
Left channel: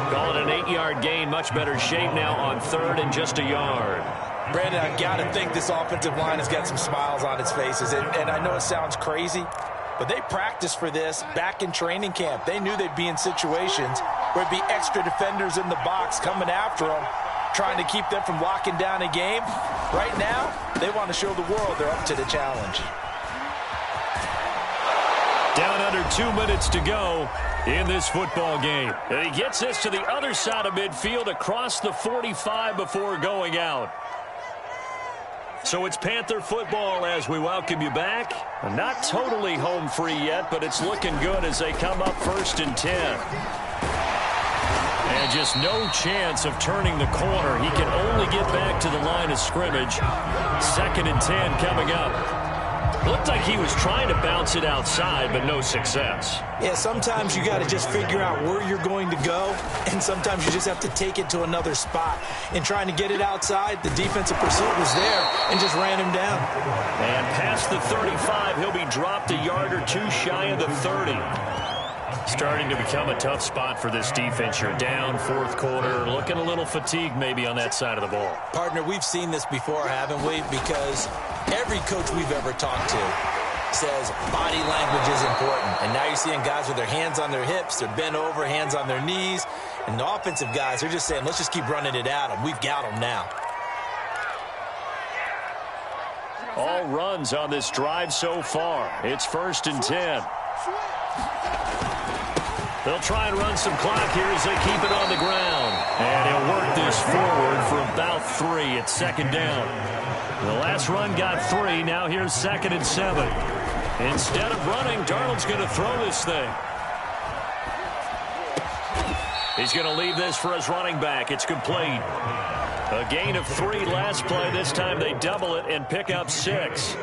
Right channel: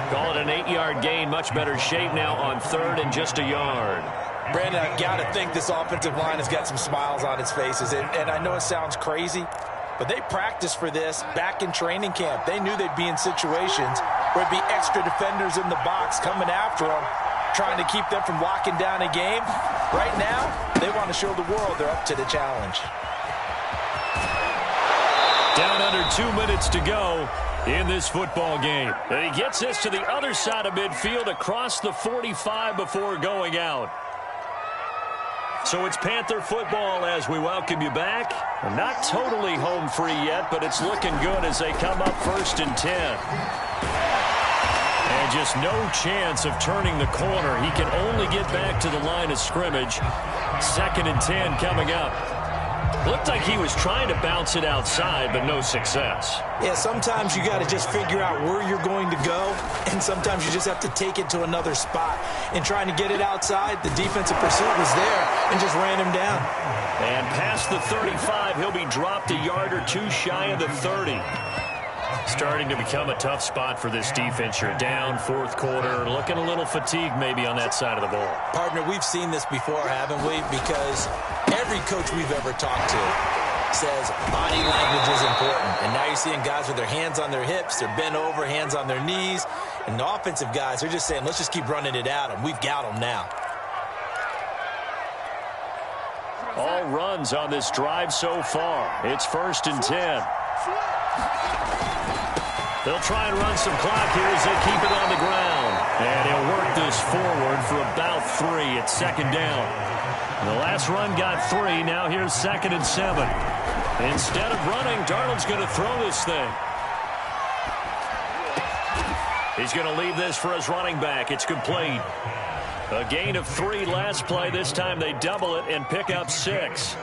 Call it an 8-yard gain. Much better shape now on 3rd and just a yard. Brandon, I've got to think this offensive line has got some smiles on its faces. And I know it sounds crazy, but they practiced for this back in training camp. They knew they'd be in situations where it'd be extra defenders in the box coming after them, trying to keep them from locking down a game. Right now, they want to show the world they're up to the challenge. Down under 2 minutes to go in this football game. And he gets this to the other side of midfield across the 45 before going out. So it's Panther football as we welcome you back. Not totally home free yet, but it's looking good as they come up 1st and 10. And just no chance of turning the corner. He can only get back to the line of scrimmage. 2nd and 10 coming up. Looked like he was trying to bounce it outside, but no success. Yeah, sometimes you got to just figure out where you're going to go, and sometimes you just have to take it to another spot. In trying to get it outside, the defensive pursuit was there and just ran him down. And past the 35, he'll be dropped a yard or two shy of the 30. Starting to become a tough spot for this defense. You're down fourth quarter, looking a little fatigued maybe on that side of the ball. Partner, we've seen this before, haven't we? Because every coach we've ever talked to says body language is important. And now you're seeing guys with their hands on their hips, they're bent over, hands on their knees. And the offensive guys, they're just saying, let's just keep running it at them. We've got them now. All runs on this drive so far. It's 1st and 10. They'll try and run some clock here as they keep it on the ground. And he'll work this forward for about 3. It's 2nd down. The last run got 3. Now here's 2nd and 7. Instead of running, Darnold's going to throw this thing. He's going to leave this for his running back. It's complete. A gain of 3 last play. This time they double it and pick up 6.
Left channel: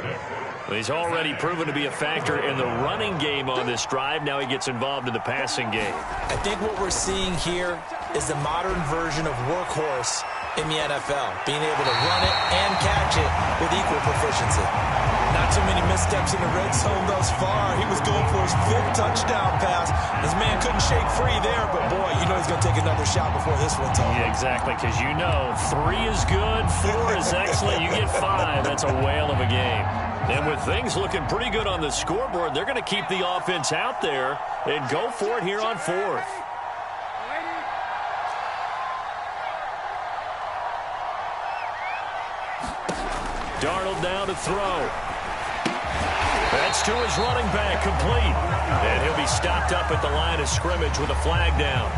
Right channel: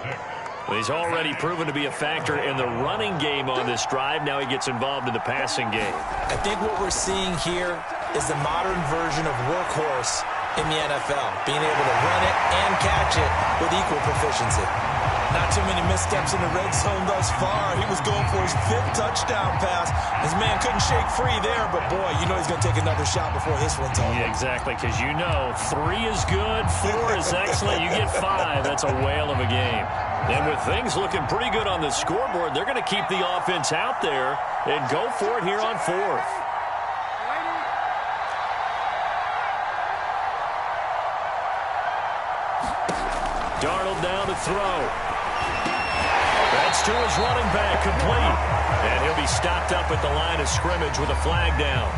He's already proven to be a factor in the running game on this drive. Now he gets involved in the passing game. I think what we're seeing here is the modern version of workhorse in the NFL, being able to run it and catch it with equal proficiency. Not too many missteps in the red zone thus far. He was going for his 5th touchdown pass. His man couldn't shake free there, but boy, you know he's going to take another shot before this one's over. Yeah, exactly, because you know 3 is good, 4 is excellent. You get 5, that's a whale of a game. And with things looking pretty good on the scoreboard, they're going to keep the offense out there and go for it here on 4th. Darnold down to throw. That's to his running back, complete. And he'll be stopped up at the line of scrimmage with a flag down.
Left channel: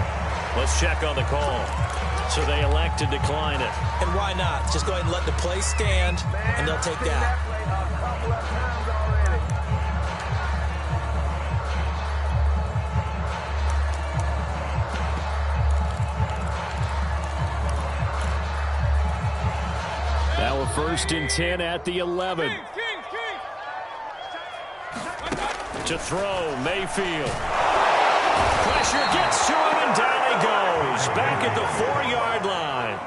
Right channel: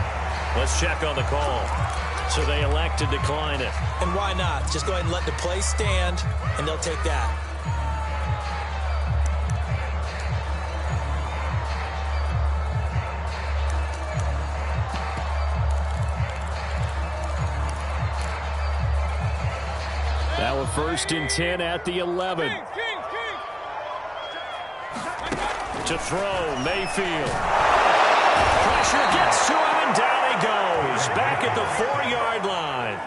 Let's check on the call. So they elect to decline it. And why not? Just go ahead and let the play stand, and they'll take that. Now a 1st and 10 at the 11. To throw, Mayfield. Pressure gets to him, and down he goes. Back at the 4-yard line.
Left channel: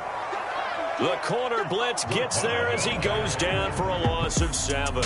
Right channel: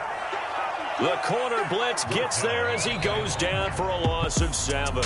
The corner blitz gets there as he goes down for a loss of 7.